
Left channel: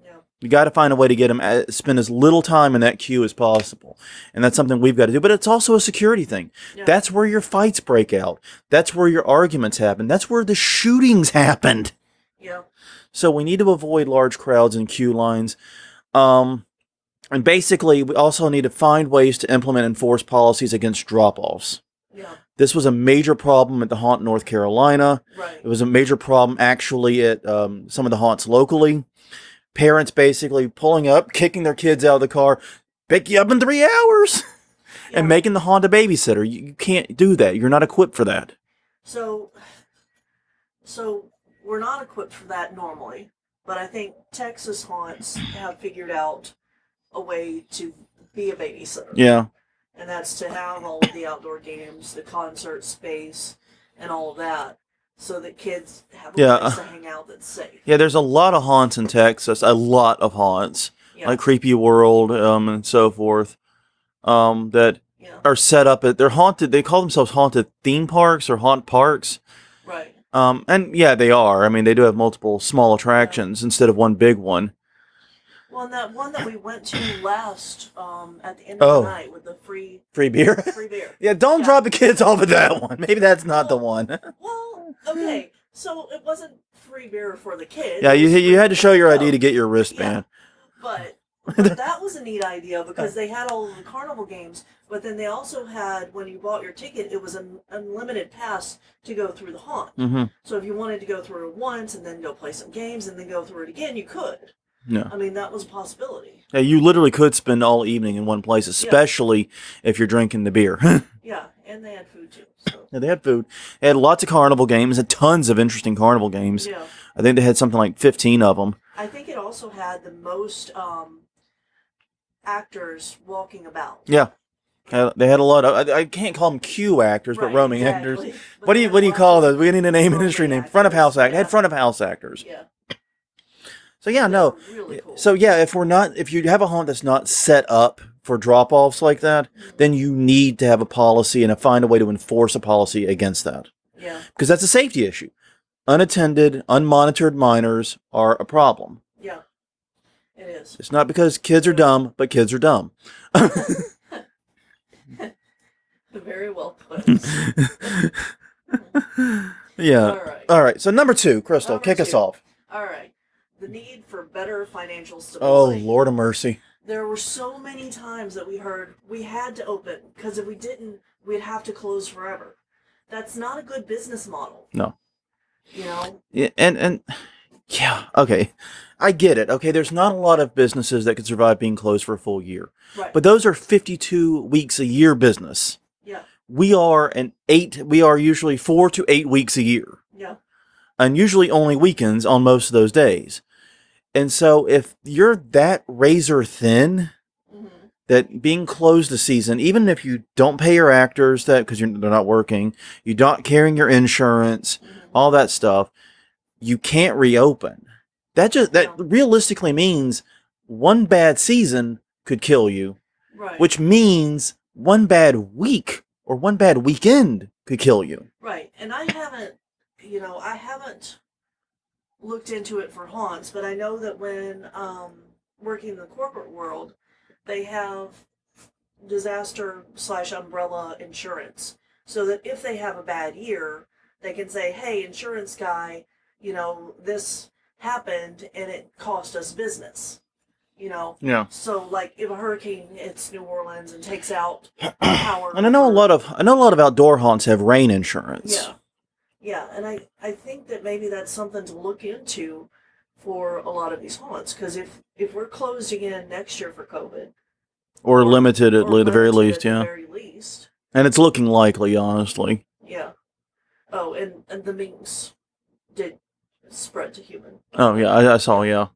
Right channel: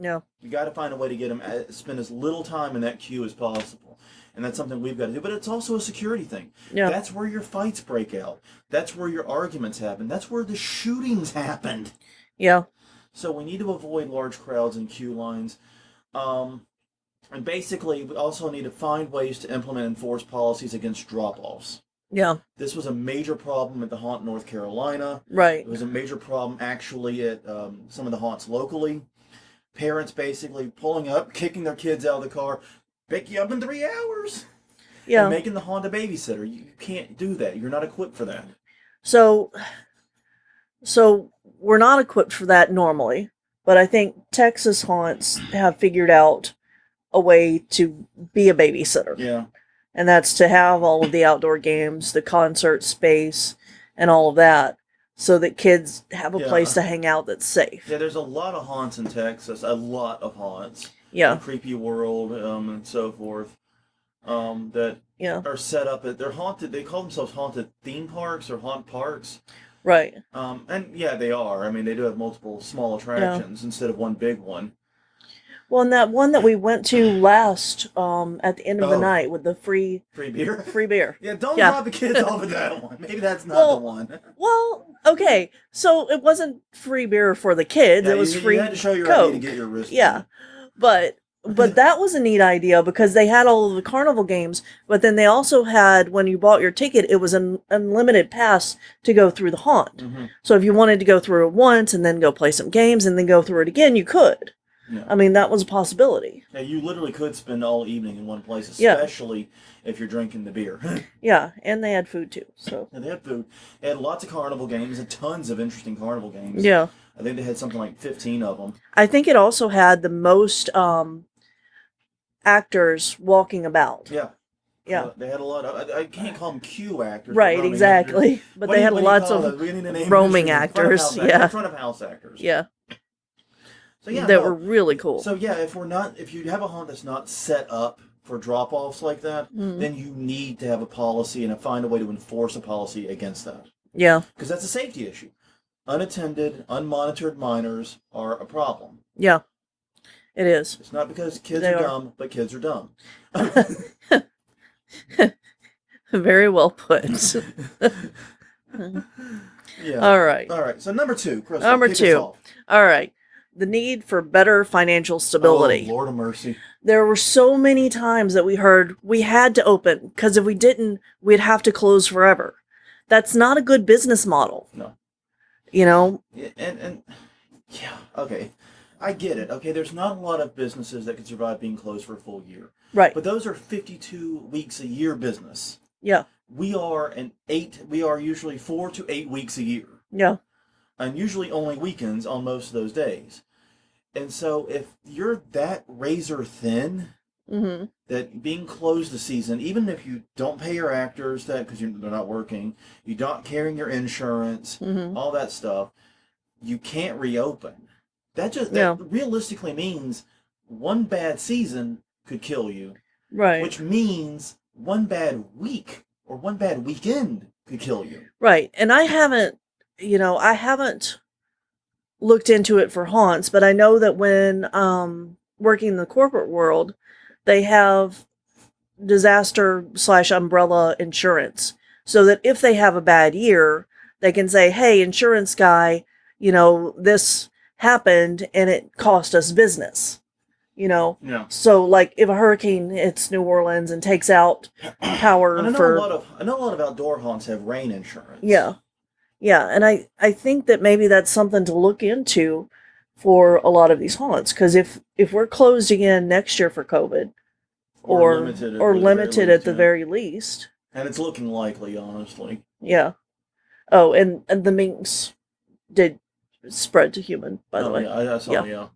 Yeah. You got to find a way to get them spend as little time in that queue as possible. And that's something we've got to do. But it's also a security thing. Yeah. That's where your fights break out. That's where your arguments happen. That's where the shootings happened. Yeah. So we need to avoid large crowds and queue lines. And basically, we also need to find ways to implement and enforce policies against drop-offs. Yeah. This was a major problem at the haunt North Carolina. Right. It was a major problem actually at some of the haunts locally. Parents basically pulling up, kicking their kids out of the car, pick you up in 3 hours, and making the haunt a babysitter. You can't do that. You're not equipped for that. So we're not equipped for that normally, but I think Texas haunts have figured out a way to be a babysitter. Yeah. And that's to have all of the outdoor games, the concert space, and all of that, so that kids have a place to hang out that's safe. Yeah, there's a lot of haunts in Texas, a lot of haunts. Yeah. Like Creepy World and so forth, that are set up they're haunted, they call themselves haunted theme parks or haunt parks. Right. And they are. I mean, they do have multiple small attractions instead of one big one. Well, and that one that we went to last at the end of the night with the free beer. Free beer. Yeah, don't drop the kids off at that one. Maybe that's not the one. Well, okay. So it wasn't free beer for the kids. Yeah, you had to show your ID to get your wristband. Yeah. But that was a neat idea because they had all of the carnival games, but then they also had, when you bought your ticket, it was an unlimited pass to go through the haunt. Mm-hmm. So if you wanted to go through it once and then go play some games and then go through it again, you could. Yeah. I mean, that was a possibility. Yeah, you literally could spend all evening in one place, especially if you're drinking the beer. Yeah, and they had food too. So yeah, they had food. They had lots of carnival games and tons of interesting carnival games. Yeah. I think they had something like 15 of them. I think it also had the most actors walking about. Yeah. They had a lot of, I can't call them queue actors, right, but roaming exactly. actors. But what do you call those? We need a name. Roaming actors. Front of house actors. Front of house actors. Yeah. So yeah, they were really cool. So yeah, if you have a haunt that's not set up for drop-offs like that, then you need to have a policy and find a way to enforce a policy against that. Yeah. Because that's a safety issue. Unattended, unmonitored minors are a problem. Yeah. It is. It's not because kids are dumb, but kids are dumb. Very well put. Yeah. All right. All right. So number 2, Crystal, kick us off. All right. The need for better financial stability. Oh, Lord of mercy. There were so many times that we heard we had to open because if we didn't, we'd have to close forever. That's not a good business model. No. Yeah, and yeah, okay. I get it. Okay, there's not a lot of businesses that can survive being closed for a full year. Right. But those are 52 weeks a year business. Yeah. We are usually 4 to 8 weeks a year. Yeah. And usually only weekends on most of those days. And so if you're that razor thin, that being closed a season, even if you don't pay your actors that because they're not working, you're not carrying your insurance, all that stuff, you can't reopen. That realistically means one bad season could kill you. Right. Which means one bad week or one bad weekend could kill you. Right. And I haven't looked into it for haunts, but I know that when working in the corporate world, they have disaster/umbrella insurance, so that if they have a bad year, they can say, "Hey, insurance guy, this happened and it cost us business." Yeah. So like if a hurricane hits New Orleans and takes out power, and I know a lot of outdoor haunts have rain insurance. Yeah. Yeah, and I think that maybe that's something to look into for a lot of these haunts. Because if we're closed again next year for COVID, or limited at the very least, and it's looking likely, honestly. Yeah. Oh, and the minks did spread to human. I saw. Yeah.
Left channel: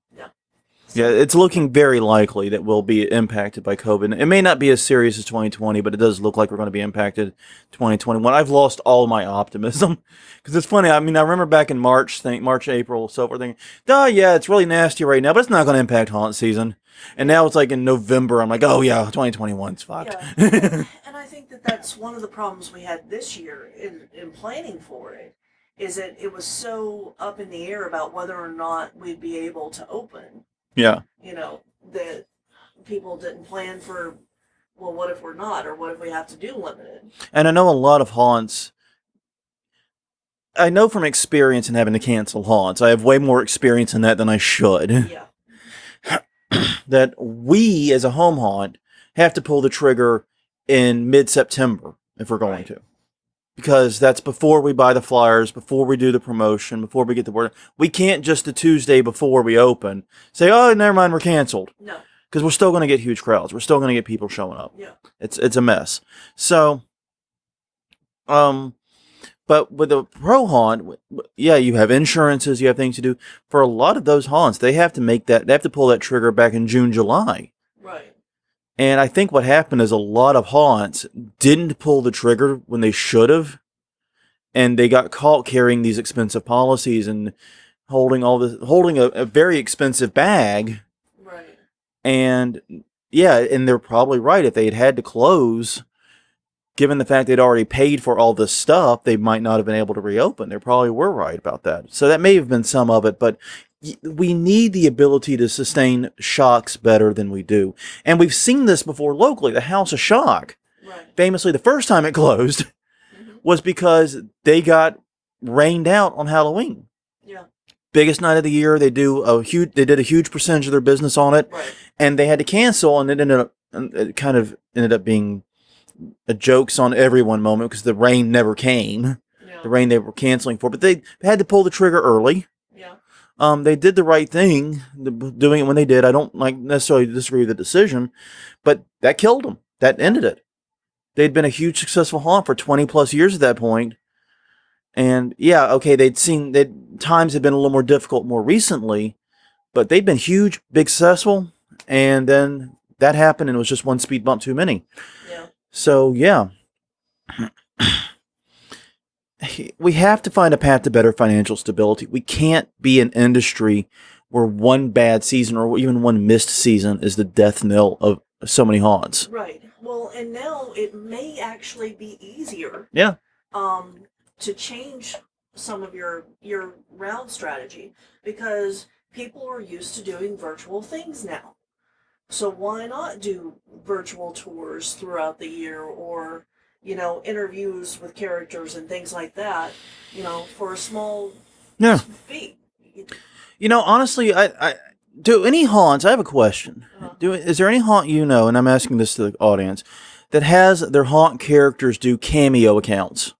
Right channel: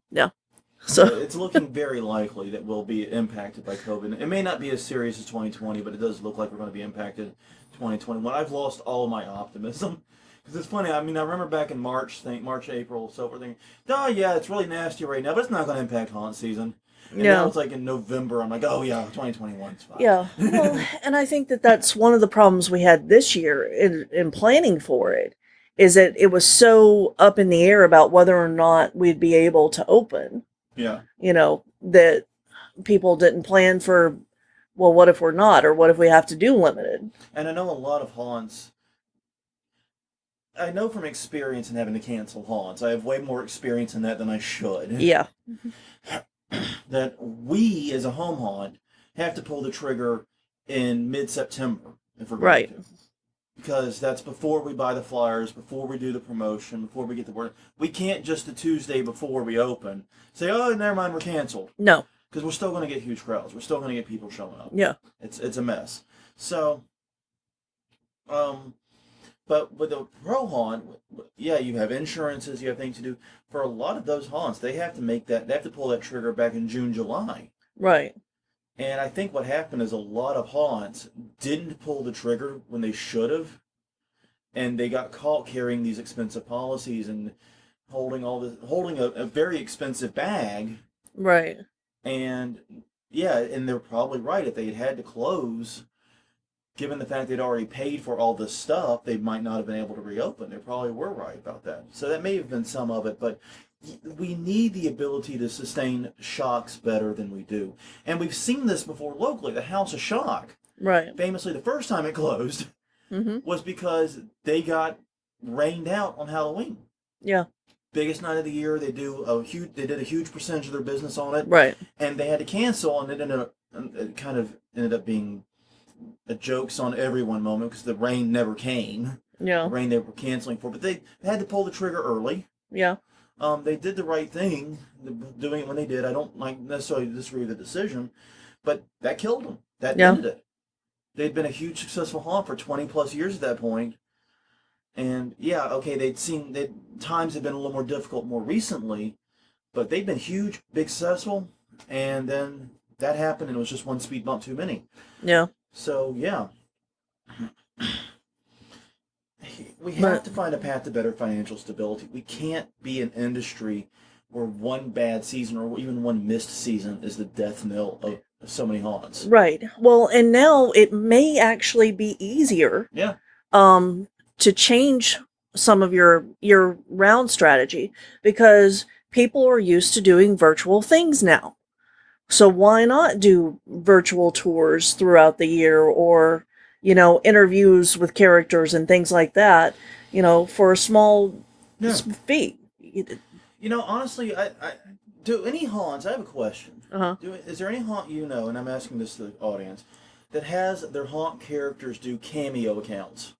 So it's looking very likely that we'll be impacted by COVID. It may not be as serious as 2020, but it does look like we're going to be impacted 2021. I've lost all my optimism because it's funny. I mean, I remember back in March, April, so forth, thinking, oh yeah, it's really nasty right now, but it's not going to impact haunt season. And now it's like in November, I'm like, oh yeah, 2021's fine. Yeah, well, and I think that's one of the problems we had this year in planning for it, is that it was so up in the air about whether or not we'd be able to open. Yeah. That people didn't plan for, well, what if we're not, or what if we have to do limited? And I know a lot of haunts, I know from experience in having to cancel haunts, I have way more experience in that than I should. Yeah. That we, as a home haunt, have to pull the trigger in mid-September if we're going to. Because that's before we buy the flyers, before we do the promotion, before we get the word. We can't just the Tuesday before we open say, oh, never mind, we're canceled. No. Because we're still going to get huge crowds. We're still going to get people showing up. Yeah. It's a mess. So, but with a pro haunt, yeah, you have insurances, you have things to do. For a lot of those haunts, they have to pull that trigger back in June, July. Right. And I think what happened is a lot of haunts didn't pull the trigger when they should have. And they got caught carrying these expensive policies and holding a very expensive bag. Right. And yeah, and they're probably right. If they had to close, given the fact they'd already paid for all this stuff, they might not have been able to reopen. They probably were right about that. So that may have been some of it, but we need the ability to sustain shocks better than we do. And we've seen this before locally. The House of Shock, right? Famously, the first time it closed was because they got rained out on Halloween. Yeah. Biggest night of the year. They did a huge percentage of their business on it. Right. And they had to cancel, and it kind of ended up being a jokes on everyone moment because the rain never came. Yeah. The rain they were canceling for, but they had to pull the trigger early. Yeah. They did the right thing, doing it when they did. I don't necessarily disagree with the decision, but that killed them. That ended it. They'd been a huge successful haunt for 20 plus years at that point. And yeah, okay, times had been a little more difficult more recently, but they'd been huge, big successful. And then that happened and it was just one speed bump too many. Yeah. So yeah. We have to find a path to better financial stability. We can't be an industry where one bad season or even one missed season is the death knell of so many haunts. Right. Well, and now it may actually be easier. Yeah. To change some of your round strategy because people are used to doing virtual things now. So why not do virtual tours throughout the year or interviews with characters and things like that, for a small fee. Honestly, I do any haunts. I have a question. Is there any haunt and I'm asking this to the audience, that has their haunt characters do cameo accounts?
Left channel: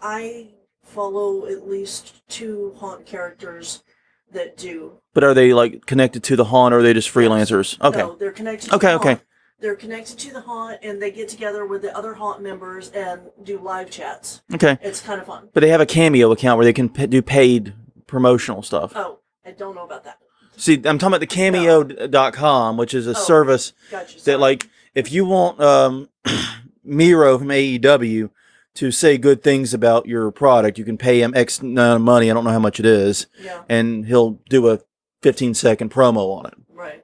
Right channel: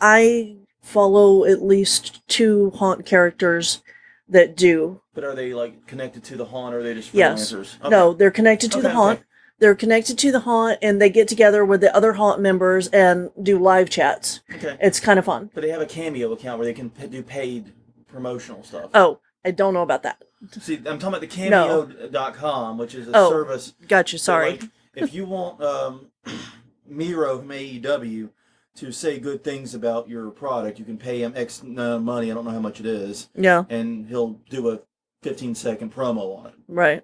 I follow at least 2 haunt characters that do. But are they connected to the haunt, or are they just freelancers? Yes. Okay. No, they're connected to the haunt. Okay. They're connected to the haunt, and they get together with the other haunt members and do live chats. Okay. It's kind of fun. But they have a cameo account where they can do paid promotional stuff. Oh, I don't know about that. See, I'm talking about the Cameo.com, which is a service. Gotcha, sorry. That, if you want Miro from AEW to say good things about your product, you can pay him X amount of money. I don't know how much it is. Yeah. And he'll do a 15-second promo on it. Right.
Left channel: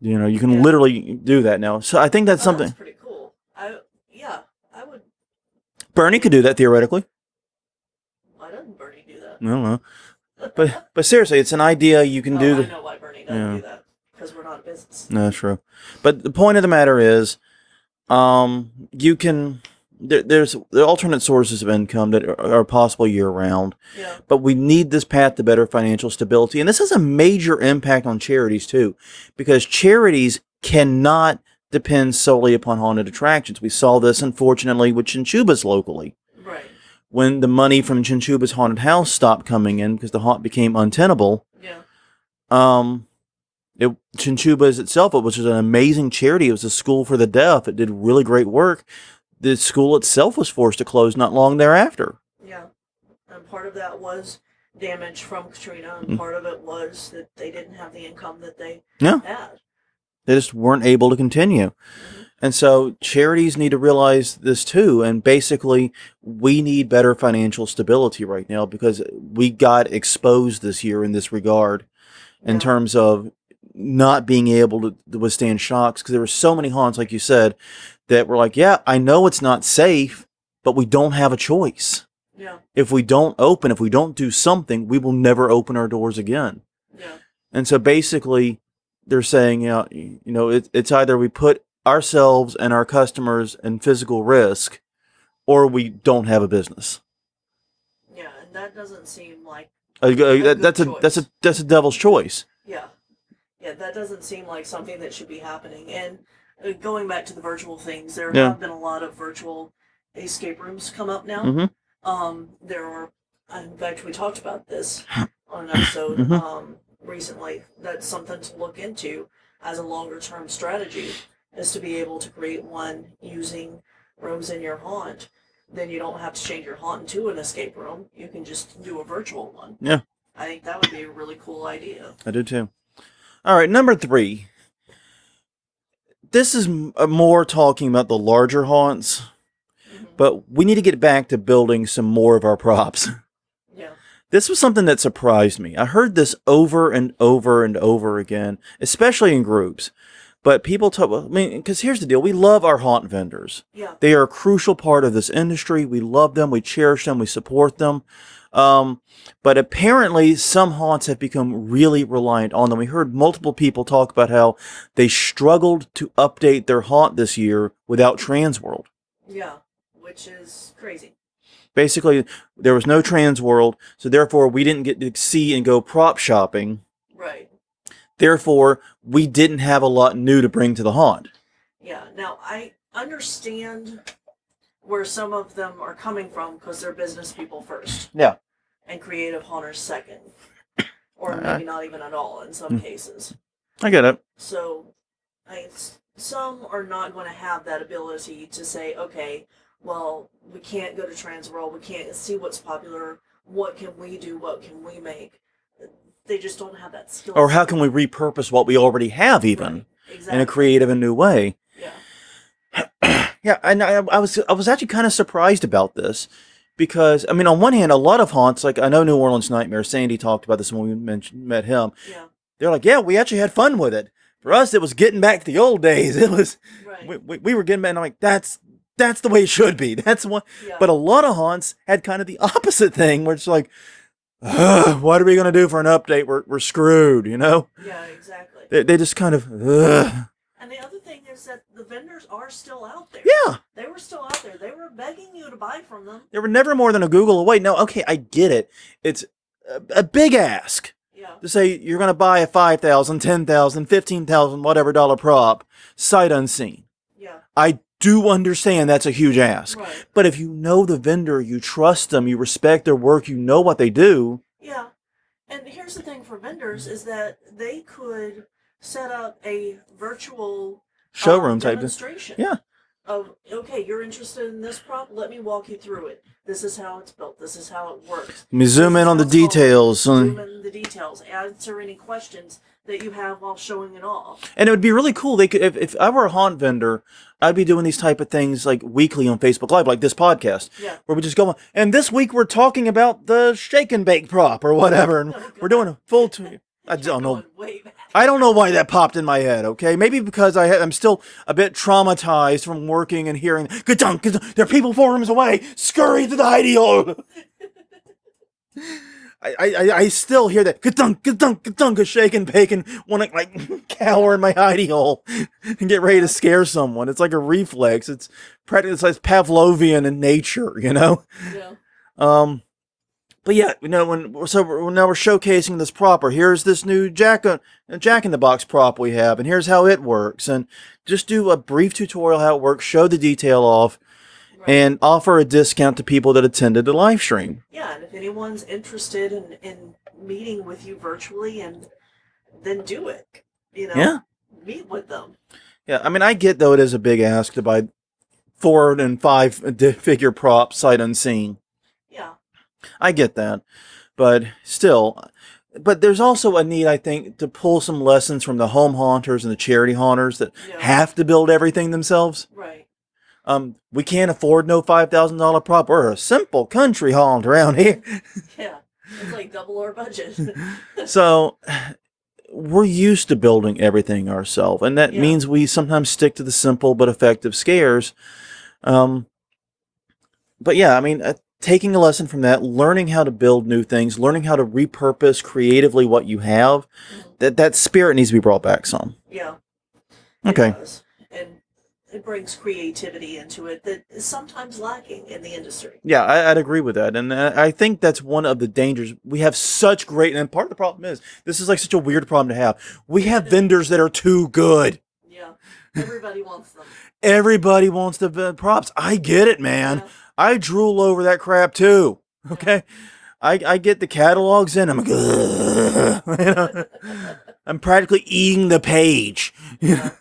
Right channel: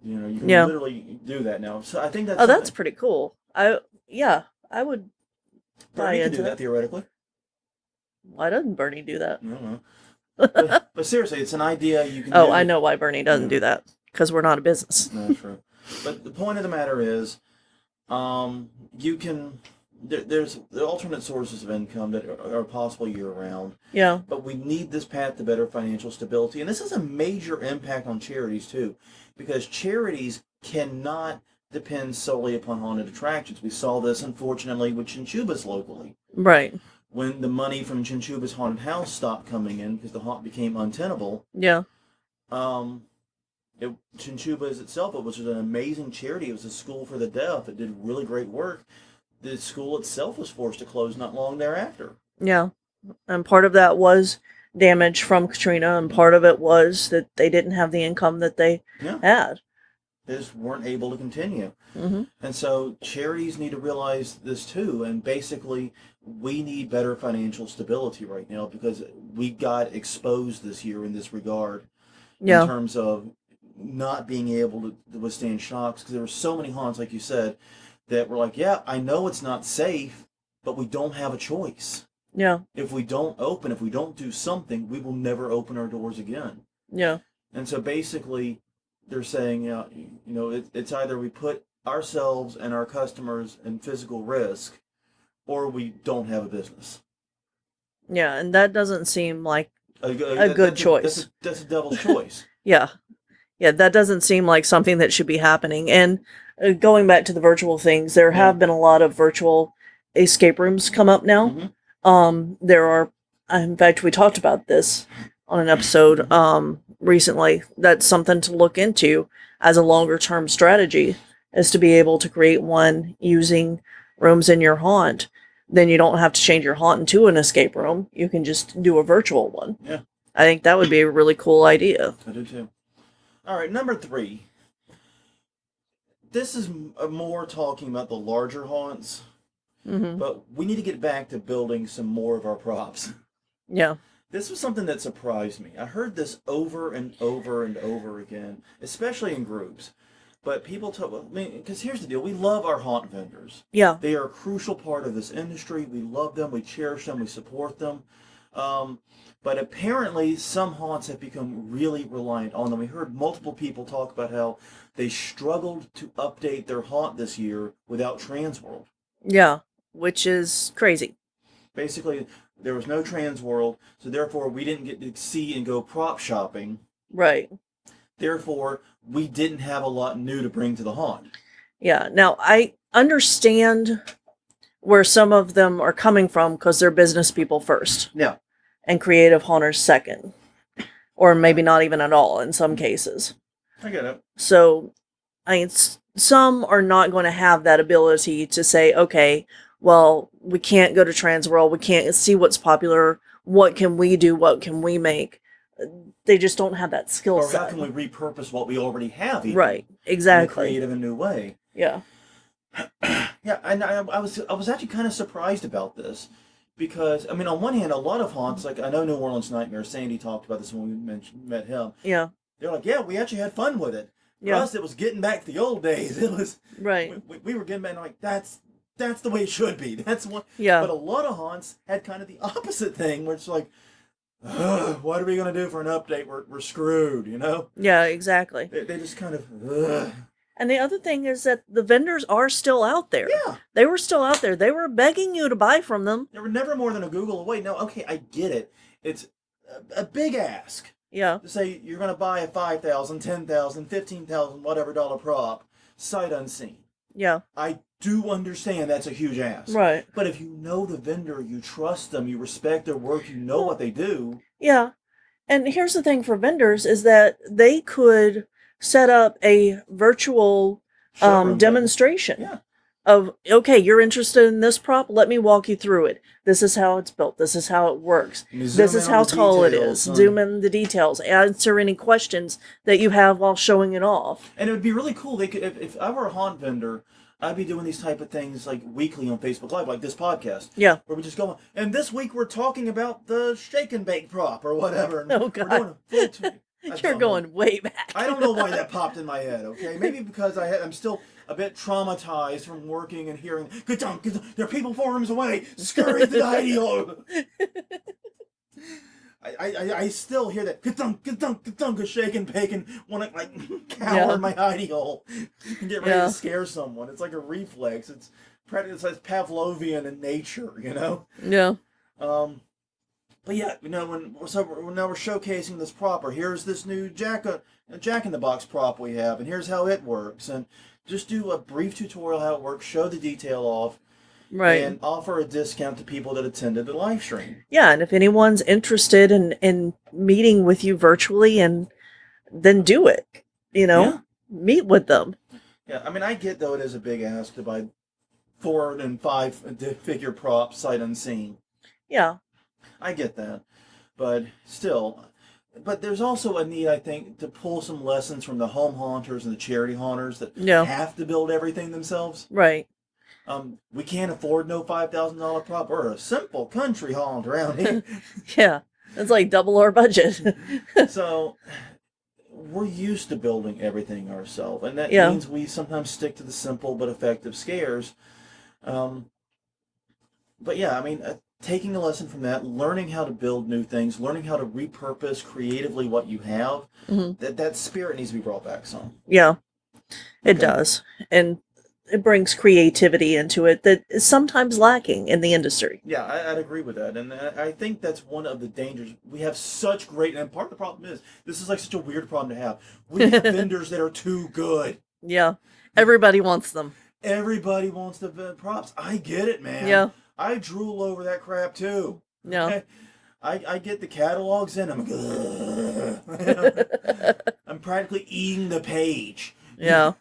You can literally do that now. So I think that's something. That's pretty cool. I would. Bernie could do that theoretically. Why doesn't Bernie do that? I don't know. but seriously, it's an idea you can do. Oh, I know why Bernie doesn't do that. Because we're not a business. No, true. But the point of the matter is, you can. There's alternate sources of income that are possible year-round. Yeah. But we need this path to better financial stability. And this has a major impact on charities, too. Because charities cannot depend solely upon haunted attractions. We saw this, unfortunately, with Chinchubas locally. Right. when the money from Chinchuba's haunted house stopped coming in because the haunt became untenable. Yeah. Chinchuba's itself, which was an amazing charity. It was a school for the deaf. It did really great work. The school itself was forced to close not long thereafter. Yeah. And part of that was damage from Katrina, and part of it was that they didn't have the income that they had. They just weren't able to continue. Mm-hmm. And so charities need to realize this too. And basically, we need better financial stability right now because we got exposed this year in this regard in terms of not being able to withstand shocks, because there were so many haunts, like you said, that were like, yeah, I know it's not safe, but we don't have a choice. Yeah. If we don't open, if we don't do something, we will never open our doors again. Yeah. And so basically, they're saying, it's either we put ourselves and our customers in physical risk, or we don't have a business. Yeah, and that doesn't seem like a good choice. That's a devil's choice. Yeah. Yeah, that doesn't seem like something that should be happening. And going back to the virtual things, there have been a lot of virtual escape rooms come up now. Mm-hmm. There are, in fact, we talked about this on an episode recently. That's something to look into as a longer term strategy, is to be able to create one using rooms in your haunt. Then you don't have to change your haunt into an escape room. You can just do a virtual one. Yeah. I think that would be a really cool idea. I do too. All right, number 3. This is more talking about the larger haunts, but we need to get back to building some more of our props. Yeah. This was something that surprised me. I heard this over and over and over again, especially in groups. But people talk, because here's the deal. We love our haunt vendors. Yeah. They are a crucial part of this industry. We love them. We cherish them. We support them. But apparently some haunts have become really reliant on them. We heard multiple people talk about how they struggled to update their haunt this year without Transworld. Yeah, which is crazy. Basically, there was no Transworld, so therefore we didn't get to see and go prop shopping. Right. Therefore, we didn't have a lot new to bring to the haunt. Yeah. Now, I understand where some of them are coming from because they're business people first. Yeah. And creative haunters second. Or maybe not even at all in some cases. I get it. So, some are not going to have that ability to say, okay, well, we can't go to Transworld. We can't see what's popular. What can we do? What can we make? They just don't have that skill set. Or how can we repurpose what we already have, even? Right, exactly. In a creative and new way. Yeah. Yeah, and I was actually kind of surprised about this. Because, on one hand, a lot of haunts, like I know New Orleans Nightmare, Sandy talked about this when we met him. Yeah. They're like, yeah, we actually had fun with it. For us, it was getting back to the old days. It was, right. We were getting back, and I'm like, that's the way it should be. That's what. Yeah. But a lot of haunts had kind of the opposite thing, where it's like, what are we going to do for an update? We're screwed, Yeah, exactly. They just kind of, And the other thing is that the vendors are still out there. Yeah. They were still out there. They were begging you to buy from them. They were never more than a Google away. No, okay, I get it. It's a big ask. Yeah. To say you're going to buy a $5,000, $10,000, $15,000, whatever dollar prop, sight unseen. Yeah. I do understand that's a huge ask. Right. But if you know the vendor, you trust them, you respect their work, you know what they do. Yeah. And here's the thing for vendors is that they could set up a virtual demonstration. Yeah. Of, okay, you're interested in this prop? Let me walk you through it. This is how it's built. This is how it works. Let me zoom in on the details. Zoom in the details. Answer any questions that you have while showing it off. And it would be really cool. They could, if I were a haunt vendor, I'd be doing these type of things like weekly on Facebook Live, like this podcast. Yeah. Where we just go on. And this week we're talking about the shake and bake prop or whatever. And we're doing a full... You're going way back. I don't know why that popped in my head, okay? Maybe because I'm still a bit traumatized from working and hearing, "Ka-dunk, ka-dunk, there are people 4 rooms away, scurry to the hidey hole." I still hear that, "Ka-dunk, ka-dunk, ka-dunk," a shake and bake and want to like cower in my hidey hole and get ready to scare someone. It's like a reflex. It's like Pavlovian in nature, Yeah. But yeah, now we're showcasing this prop. Or here's this new Jack in the Box prop we have, and here's how it works. And just do a brief tutorial how it works, show the detail off, Right. and offer a discount to people that attended the live stream. Yeah, and if anyone's interested in meeting with you virtually, and then do it, meet with them. Yeah, I mean, I get, though, it is a big ask to buy 4 and 5 figure props sight unseen. Yeah. I get that. But still, there's also a need, I think, to pull some lessons from the home haunters and the charity haunters that have to build everything themselves. Right. We can't afford no $5,000 prop. We're a simple country haunt around here. Yeah. It's like double our budget. So we're used to building everything ourselves, and that means we sometimes stick to the simple but effective scares. But yeah, I mean, taking a lesson from that, learning how to build new things, learning how to repurpose creatively what you have, that spirit needs to be brought back some. Yeah, it does. And it brings creativity into it that is sometimes lacking in the industry. Yeah, I'd agree with that. And I think that's one of the dangers. We have such great, and part of the problem is, this is like such a weird problem to have. We have vendors that are too good. Yeah, everybody wants them. Everybody wants the props. I get it, man. Yeah. I drool over that crap too. Okay. Yeah. I get the catalogs in. I'm like, I'm practically eating the page. Yeah.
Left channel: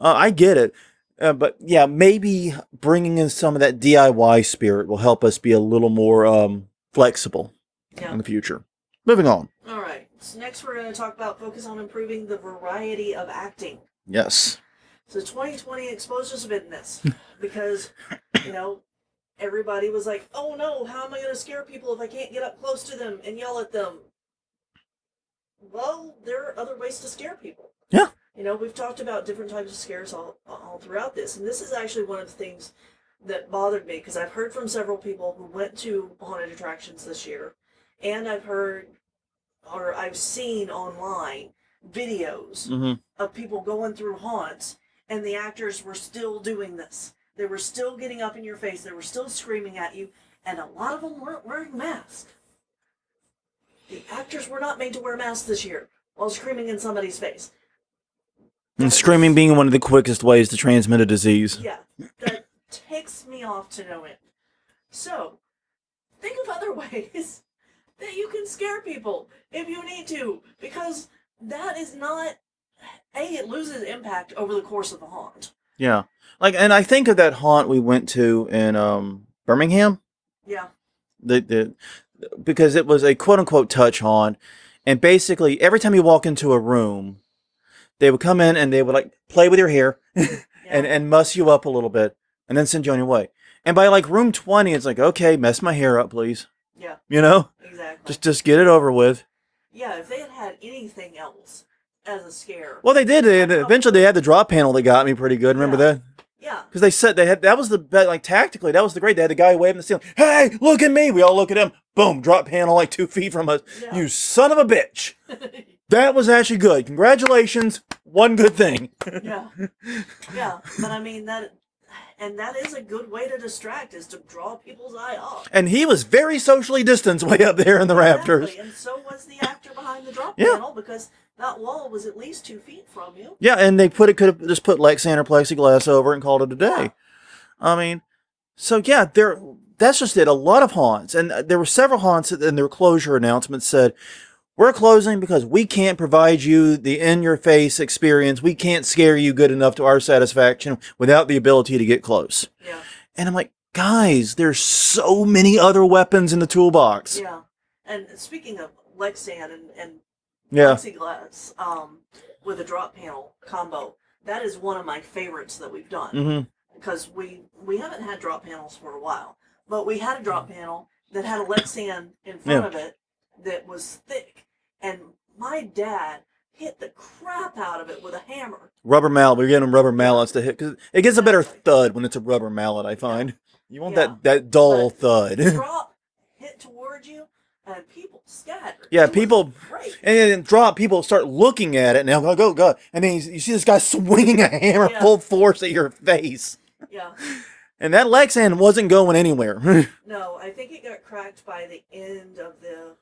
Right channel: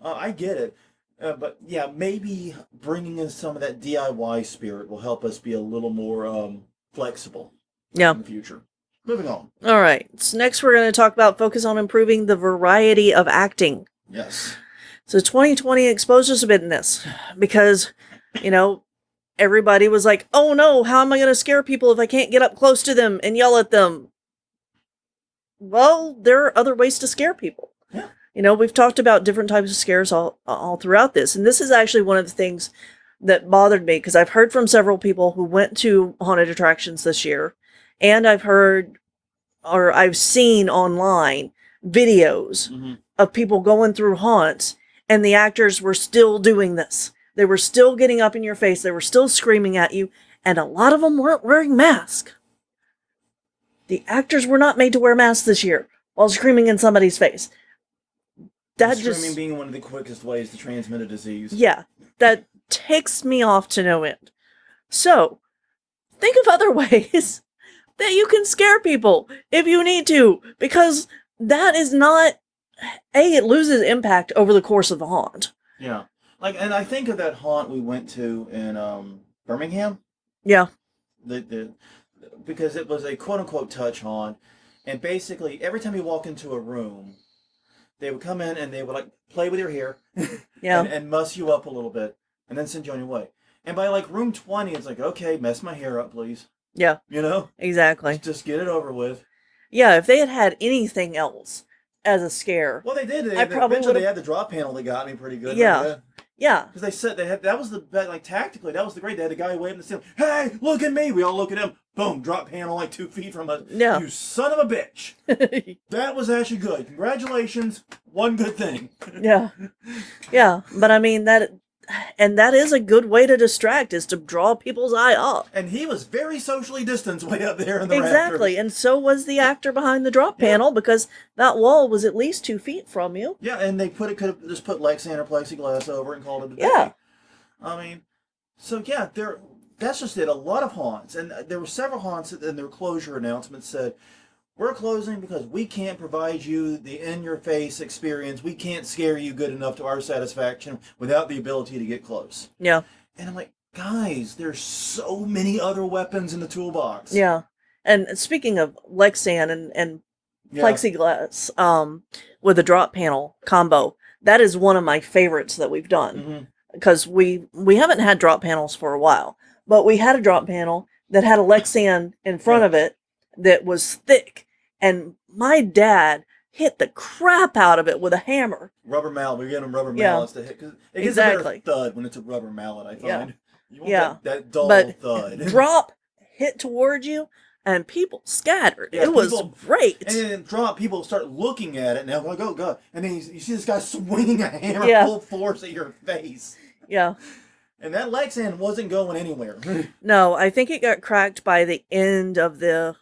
I get it. But yeah, maybe bringing in some of that DIY spirit will help us be a little more flexible in the future. Moving on. All right. So next we're going to talk about focus on improving the variety of acting. Yes. So 2020 exposed us a bit in this because, everybody was like, oh no, how am I going to scare people if I can't get up close to them and yell at them? Well, there are other ways to scare people. Yeah. We've talked about different types of scares all throughout this. And this is actually one of the things that bothered me because I've heard from several people who went to haunted attractions this year. And I've seen online videos of people going through haunts and the actors were still doing this. They were still getting up in your face. They were still screaming at you. And a lot of them weren't wearing masks. The actors were not made to wear masks this year while screaming in somebody's face. And screaming being one of the quickest ways to transmit a disease. Yeah, that ticks me off to no end. So, think of other ways that you can scare people if you need to, because that is not, it loses impact over the course of the haunt. Yeah. And I think of that haunt we went to in Birmingham. Yeah. Because it was a quote-unquote touch haunt, and basically every time you walk into a room, they would come in and they would play with your hair and muss you up a little bit and then send you on your way. And by room 20, it's like, okay, mess my hair up, please. Yeah. Exactly. Just get it over with. Yeah, if they had had anything else as a scare. Well, they did. Eventually they had the drop panel that got me pretty good. Remember that? Yeah. Because they said that was tactically, that was the great. They had the guy waving the ceiling. Hey, look at me. We all look at him. Boom, drop panel 2 feet from us. Yeah. You son of a bitch. That was actually good. Congratulations. One good thing. Yeah. Yeah. But I mean, that is a good way to distract, is to draw people's eye off. And he was very socially distanced way up there in the rafters. Exactly. And so was the actor behind the drop panel, because that wall was at least 2 feet from you. Yeah, and they could have just put Lexan or plexiglass over it and called it a day. Yeah. I mean, so yeah, that's just it. A lot of haunts, and there were several haunts in their closure announcements said, we're closing because we can't provide you the in-your-face experience. We can't scare you good enough to our satisfaction without the ability to get close. Yeah. And I'm like, guys, there's so many other weapons in the toolbox. Yeah. And speaking of Lexan and plexiglass, with the drop panel combo, that is one of my favorites that we've done. Because we haven't had drop panels for a while. But we had a drop panel that had a Lexan in front of it that was thick. And my dad hit the crap out of it with a hammer. Rubber mallet. We're getting them rubber mallets to hit. Because it gets a better thud when it's a rubber mallet, I find. You want that dull thud. Drop, hit towards you, and people scattered. Yeah, it was great. And then drop, people start looking at it. Now go. And then you see this guy swinging a hammer full force at your face. Yeah. And that Lexan wasn't going anywhere. No, I think it got cracked by the end of the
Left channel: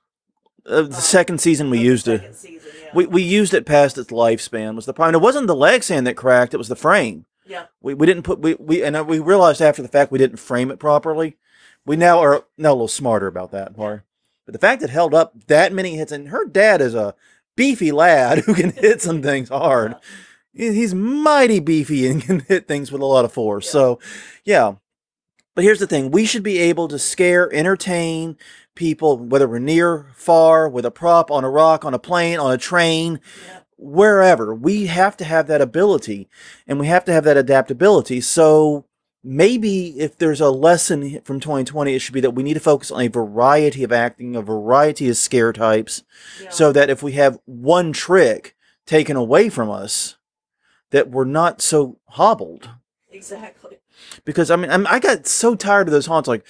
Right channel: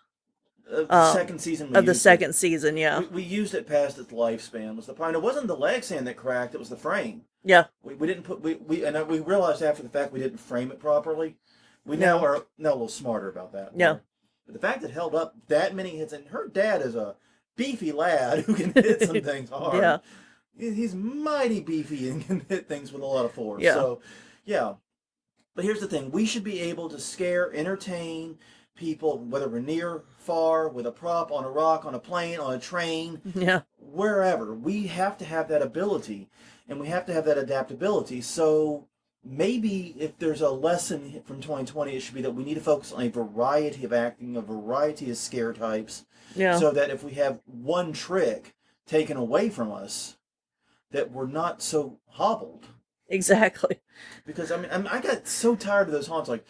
The second season we used it. The second season, yeah. We used it past its lifespan was the problem. It wasn't the leg sand that cracked; it was the frame. Yeah. We didn't put and we realized after the fact we didn't frame it properly. We now are a little smarter about that. Yeah. But the fact it held up that many hits, and her dad is a beefy lad who can hit some things hard. Yeah. He's mighty beefy and can hit things with a lot of force. Yeah. So, yeah. But here's the thing. We should be able to scare, entertain people, whether we're near, far, with a prop, on a rock, on a plane, on a train, wherever. We have to have that ability, and we have to have that adaptability. So maybe if there's a lesson from 2020, it should be that we need to focus on a variety of acting, a variety of scare types, so that if we have one trick taken away from us, that we're not so hobbled. Exactly. Because, I mean, I got so tired of those haunts, like,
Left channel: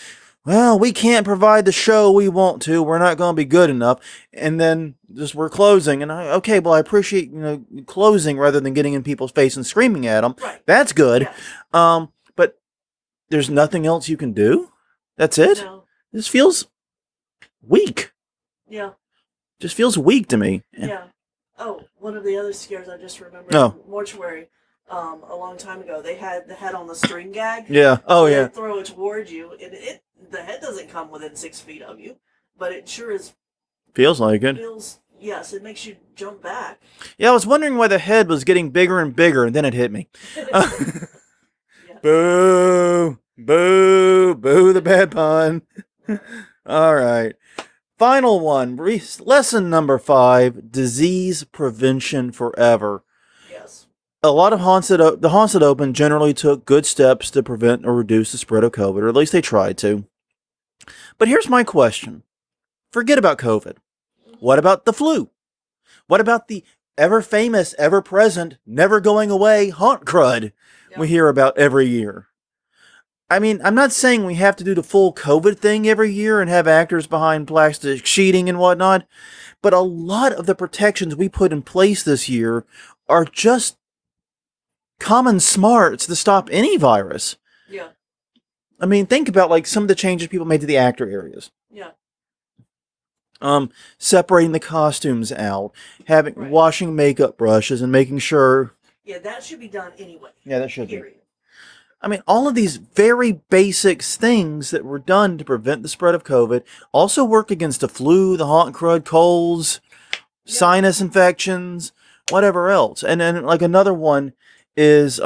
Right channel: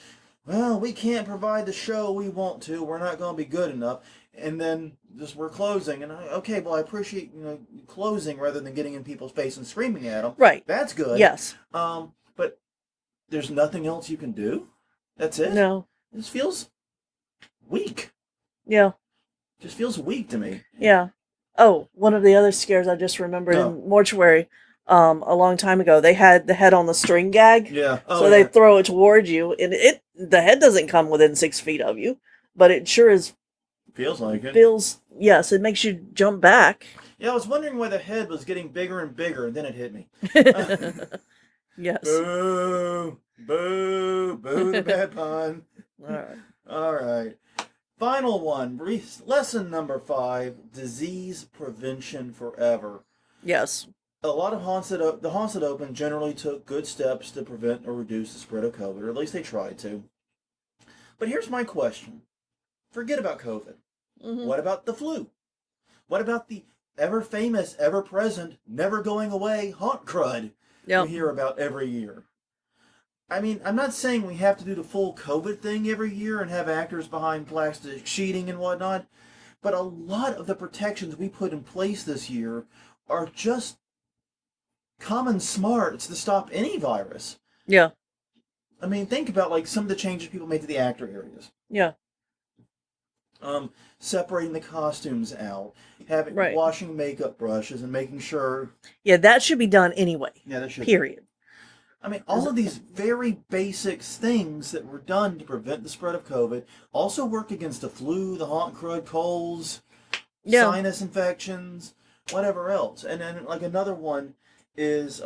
well, we can't provide the show we want to. We're not going to be good enough. And then just we're closing. And okay, well, I appreciate, closing rather than getting in people's face and screaming at them. Right. That's good. Yes. But there's nothing else you can do? That's it? No. This feels weak. Yeah. Just feels weak to me. Yeah. Oh, one of the other scares I just remembered in Mortuary, a long time ago, they had the head on the string gag. Yeah. Oh, so they throw it toward you, and the head doesn't come within 6 feet of you, but it sure is. Feels like it. Yes, it makes you jump back. Yeah, I was wondering why the head was getting bigger and bigger, and then it hit me. Yes. Boo! Boo! Boo! The bad pun. All right. Final one. Lesson number 5: disease prevention forever. Yes. A lot of the haunts that opened generally took good steps to prevent or reduce the spread of COVID, or at least they tried to. But here's my question. Forget about COVID. Mm-hmm. What about the flu? What about the ever-famous, ever-present, never-going-away haunt crud we hear about every year? I mean, I'm not saying we have to do the full COVID thing every year and have actors behind plastic sheeting and whatnot, but a lot of the protections we put in place this year are just common smarts to stop any virus. Yeah. I mean, think about like some of the changes people made to the actor areas. Yeah. Separating the costumes out, washing makeup brushes, and making sure. Yeah, that should be done anyway. Yeah, that should. Period. I mean, all of these very basic things that were done to prevent the spread of COVID also work against the flu, the haunt crud, colds, sinus infections, whatever else. And then, like, another one is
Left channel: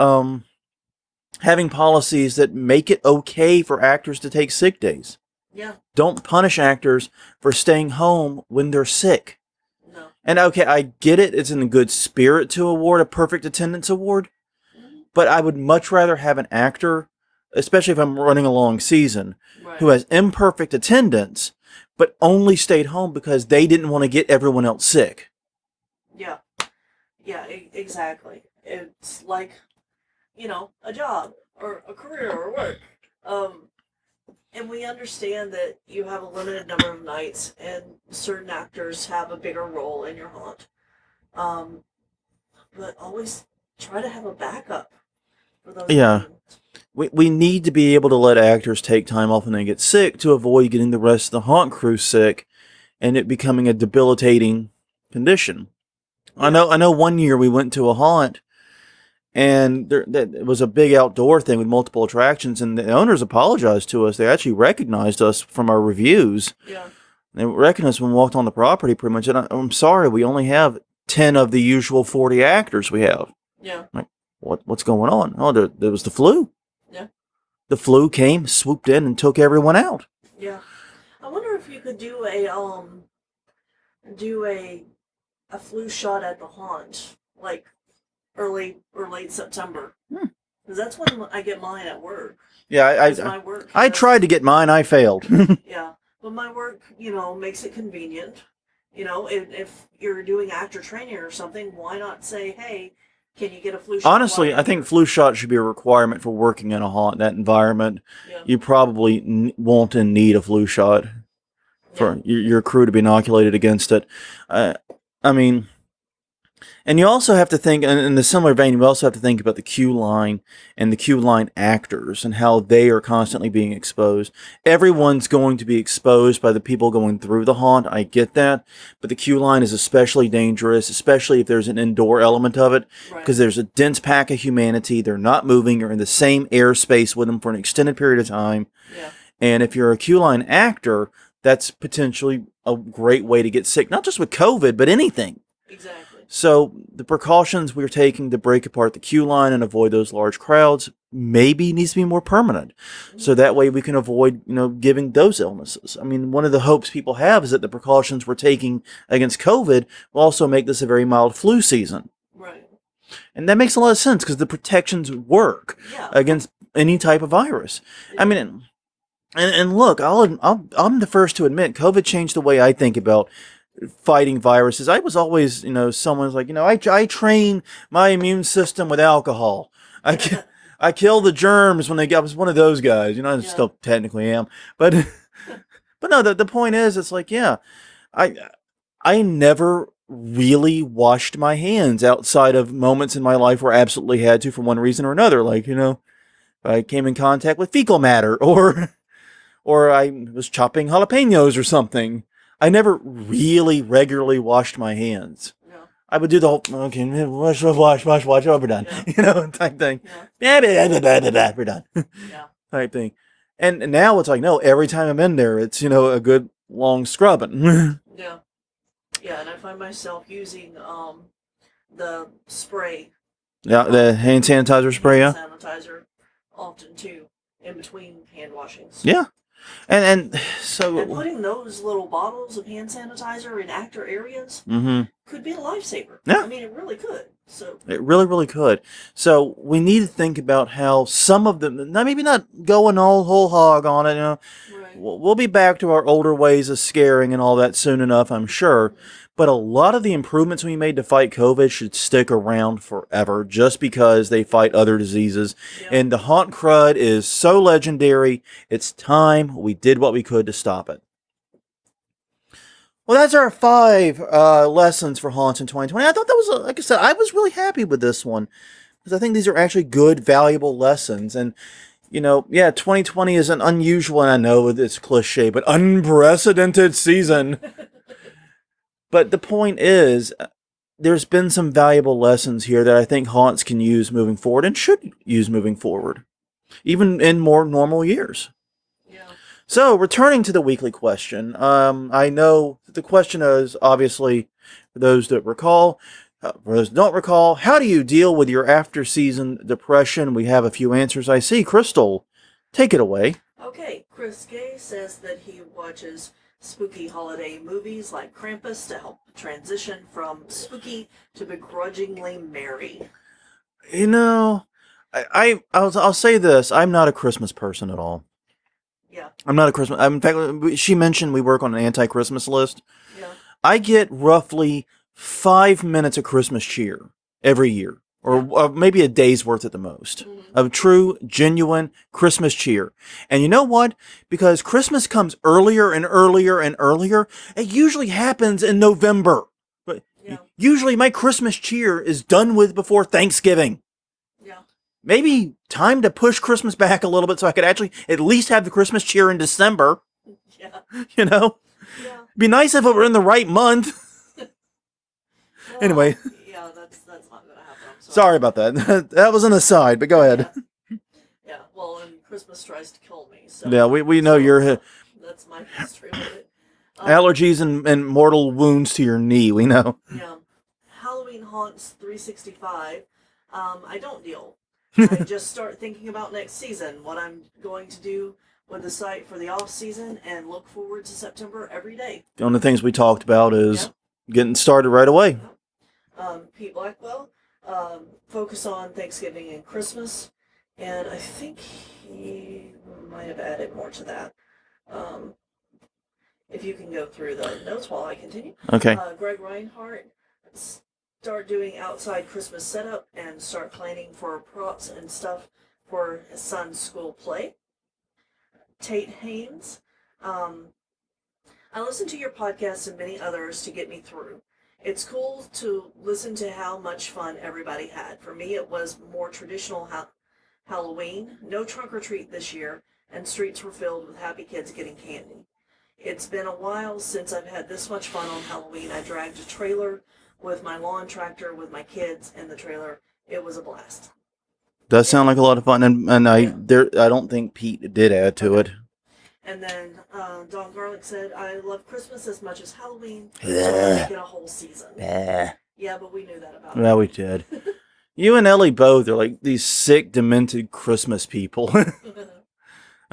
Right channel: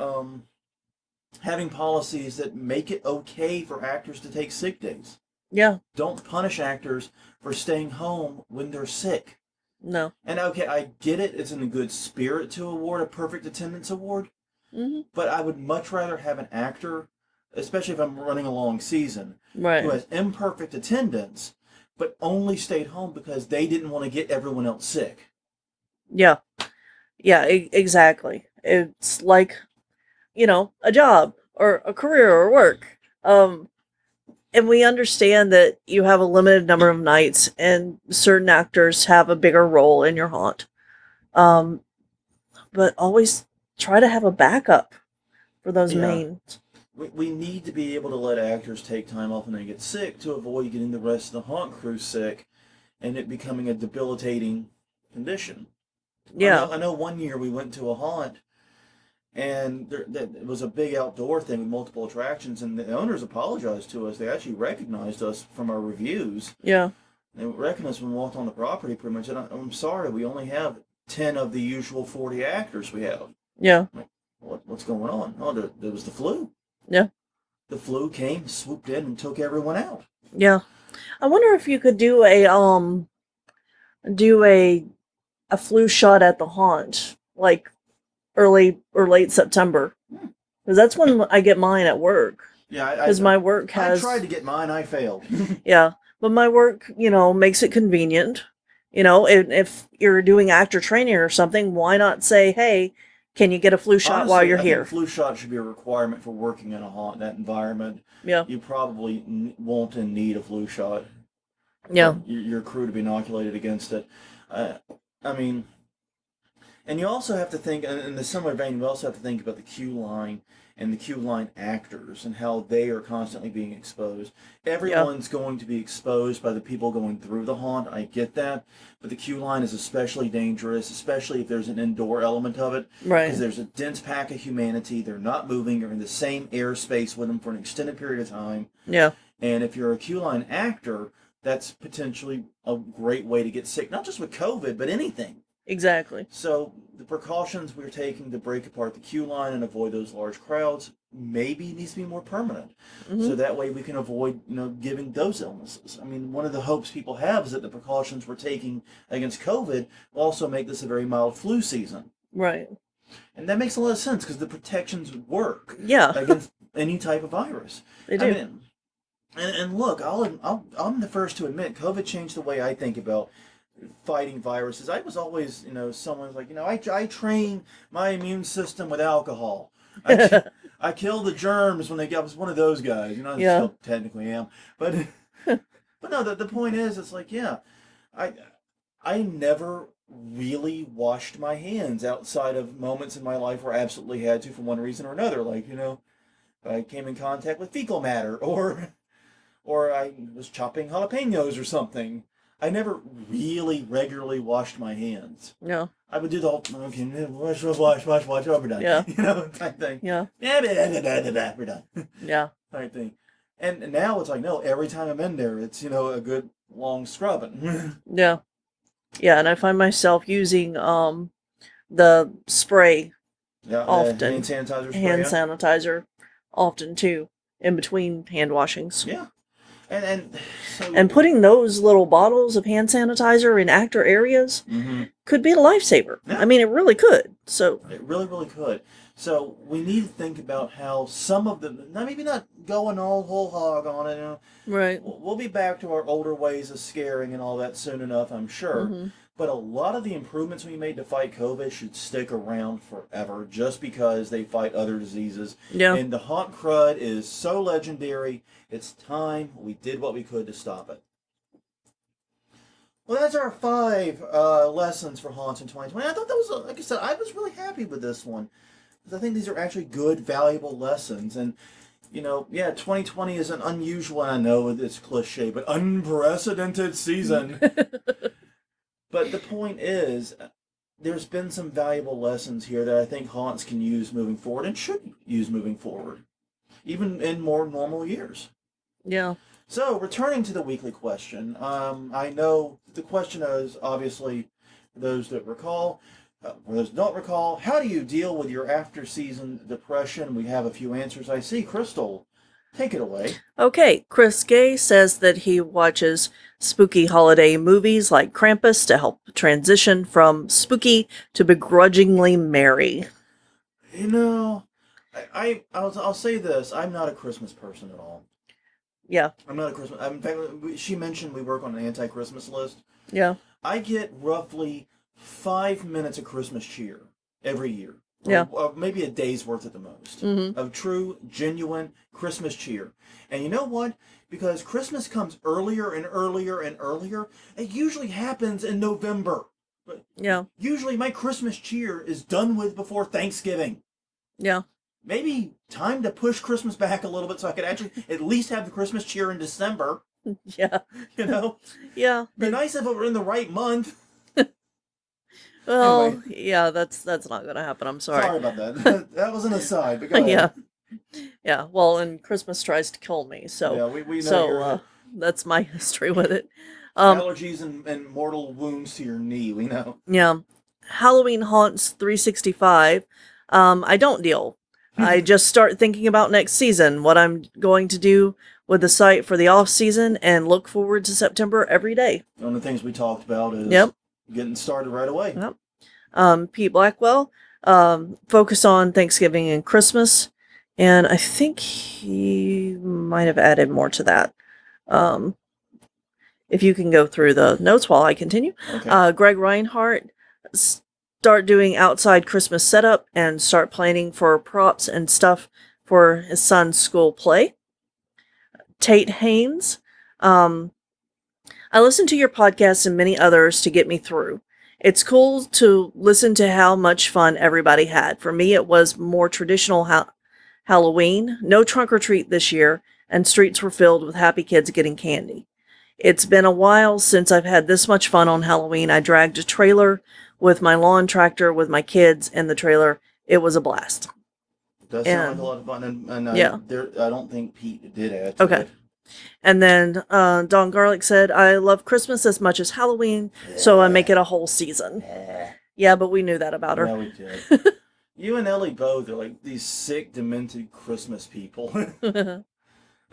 having policies that make it okay for actors to take sick days. Yeah. Don't punish actors for staying home when they're sick. No. And okay, I get it. It's in a good spirit to award a perfect attendance award. Mm-hmm. But I would much rather have an actor, especially if I'm running a long season, who has imperfect attendance, but only stayed home because they didn't want to get everyone else sick. Yeah. Yeah, exactly. It's like, a job or a career or work. And we understand that you have a limited number of nights and certain actors have a bigger role in your haunt. But always try to have a backup for those names. We need to be able to let actors take time off when they get sick to avoid getting the rest of the haunt crew sick and it becoming a debilitating condition. Yeah. I know one year we went to a haunt and it was a big outdoor thing with multiple attractions, and the owners apologized to us. They actually recognized us from our reviews. Yeah. They recognized when we walked on the property pretty much. And I'm sorry, we only have 10 of the usual 40 actors we have. Yeah. Like, what's going on? Oh, there was the flu. Yeah. The flu came, swooped in, and took everyone out. Yeah. I wonder if you could do a flu shot at the haunt, like early or late September. Because that's when I get mine at work. Yeah, because my work has, I tried to get mine, I failed. Yeah, but my work, makes it convenient. If you're doing actor training or something, why not say, hey, can you get a flu shot while you're here? Honestly, I think flu shot should be a requirement for working in a haunt, that environment. Yeah. You probably want and need a flu shot. Yeah. For your crew to be inoculated against it. I mean, And you also have to think, in the similar vein, you also have to think about the queue line and the queue line actors and how they are constantly being exposed. Everyone's going to be exposed by the people going through the haunt. I get that. But the queue line is especially dangerous, especially if there's an indoor element of it. Right. Because there's a dense pack of humanity. They're not moving. You're in the same airspace with them for an extended period of time. Yeah. And if you're a queue line actor, that's potentially a great way to get sick, not just with COVID, but anything. Exactly. So the precautions we're taking to break apart the queue line and avoid those large crowds maybe needs to be more permanent. Mm-hmm. So that way we can avoid, giving those illnesses. I mean, one of the hopes people have is that the precautions we're taking against COVID will also make this a very mild flu season. Right. And that makes a lot of sense because the protections work against any type of virus. I mean, and look, I'm the first to admit COVID changed the way I think about fighting viruses. I was always, someone's like, I train my immune system with alcohol. I kill the germs when I was one of those guys. I still technically am, but but no. The point is, it's like, I never really washed my hands outside of moments in my life where I absolutely had to for one reason or another. Like, I came in contact with fecal matter, or I was chopping jalapenos or something. I never really regularly washed my hands. No. I would do the whole, okay, wash, oh, we're done. Yeah. Type thing. Yeah. We're done. Yeah. Type thing. And now it's like, no, every time I'm in there, it's, a good long scrubbing. Yeah. Yeah, and I find myself using the spray. Yeah, the hand sanitizer spray. Hand sanitizer often too, in between hand washings. Yeah. And putting those little bottles of hand sanitizer in actor areas could be a lifesaver. Yeah. I mean, it really could. So it really, really could. So we need to think about how some of them, maybe not going all whole hog on it. Right. We'll be back to our older ways of scaring and all that soon enough, I'm sure. Mm-hmm. But a lot of the improvements we made to fight COVID should stick around forever just because they fight other diseases. Yeah. And the haunt crud is so legendary. It's time we did what we could to stop it. Well, that's our 5 lessons for haunts in 2020. I thought that was, like I said, I was really happy with this one because I think these are actually good, valuable lessons. And 2020 is an unusual, and I know it's cliche, but unprecedented season. But the point is, there's been some valuable lessons here that I think haunts can use moving forward and should use moving forward, even in more normal years. Yeah. So, returning to the weekly question, I know the question is, obviously, for those that recall, for those that don't recall, how do you deal with your after-season depression? We have a few answers I see. Crystal, take it away. Okay, Chris Gay says that he watches spooky holiday movies like Krampus to help transition from spooky to begrudgingly merry. I'll say this. I'm not a Christmas person at all. Yeah. I'm not a Christmas. In fact, she mentioned we work on an anti-Christmas list. Yeah. I get roughly 5 minutes of Christmas cheer every year. Or maybe a day's worth at the most of true, genuine Christmas cheer. And you know what? Because Christmas comes earlier and earlier and earlier, it usually happens in November. But usually my Christmas cheer is done with before Thanksgiving. Yeah. Maybe time to push Christmas back a little bit so I could actually at least have the Christmas cheer in December. Yeah. Yeah. Be nice if it were in the right month. Well, anyway. Yeah, that's not going to happen. I'm sorry. Sorry about that. That was an aside, but go ahead. Yeah. Well, and Christmas tries to kill me. So yeah, we know you're. That's my history with it. Allergies and mortal wounds to your knee. We know. Yeah. Halloween Haunts 365. I don't deal. I just start thinking about next season, what I'm going to do with the site for the off season, and look forward to September every day. One of the things we talked about is getting started right away. Yep. Pete Blackwell, focus on Thanksgiving and Christmas. And I think he might have added more to that. If you can go through the notes while I continue. Okay. Greg Reinhardt, start doing outside Christmas setup and start planning for props and stuff for his son's school play. Tate Haynes, I listen to your podcast and many others to get me through. It's cool to listen to how much fun everybody had. For me, it was more traditional Halloween, no trunk or treat this year, and streets were filled with happy kids getting candy. It's been a while since I've had this much fun on Halloween. I dragged a trailer with my lawn tractor with my kids in the trailer. It was a blast. Does sound like a lot of fun, and I don't think Pete did add to it. And then Don Garlic said, I love Christmas as much as Halloween, so I make it a whole season. Yeah, but we knew that about her. Yeah, we did. You and Ellie both are like these sick, demented Christmas people. I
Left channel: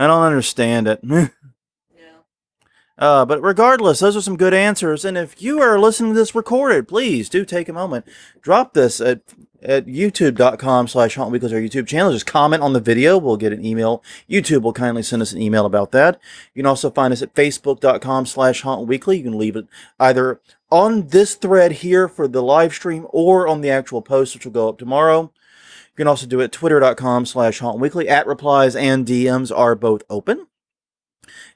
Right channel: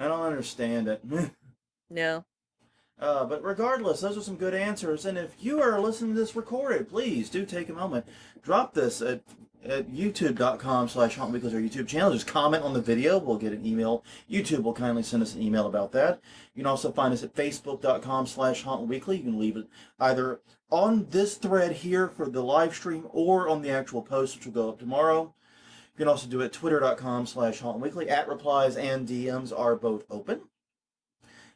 don't understand it. Yeah. But regardless, those are some good answers. And if you are listening to this recorded, please do take a moment. Drop this at youtube.com/HauntWeekly, our YouTube channel. Just comment on the video. We'll get an email. YouTube will kindly send us an email about that. You can also find us at facebook.com/HauntWeekly. You can leave it either on this thread here for the live stream or on the actual post, which will go up tomorrow. You can also do it at twitter.com/HauntWeekly. @replies and DMs are both open.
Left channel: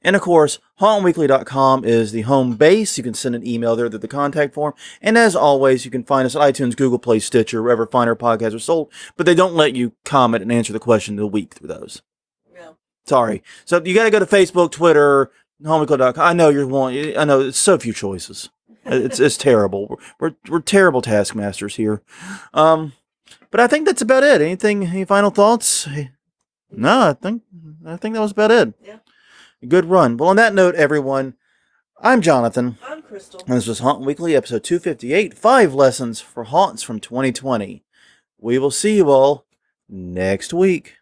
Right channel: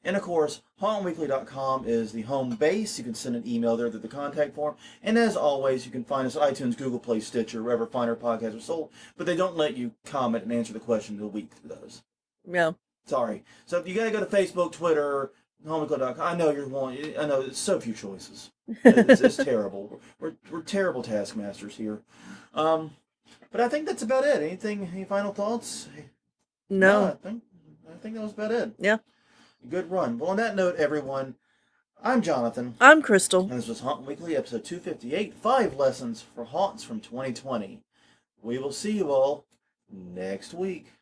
And of course, hauntweekly.com is the home base. You can send an email there to the contact form. And as always, you can find us at iTunes, Google Play, Stitcher, wherever finer podcasts are sold. But they don't let you comment and answer the question of the week through those. Yeah. Sorry. So you got to go to Facebook, Twitter, hauntweekly.com. I know I know it's so few choices. It's terrible. We're terrible taskmasters here. But I think that's about it. Any final thoughts? No, I think that was about it. Yeah. Good run. Well, on that note, everyone, I'm Jonathan. I'm Crystal. And this was Haunt Weekly, episode 258, 5 Lessons for Haunts from 2020. We will see you all next week.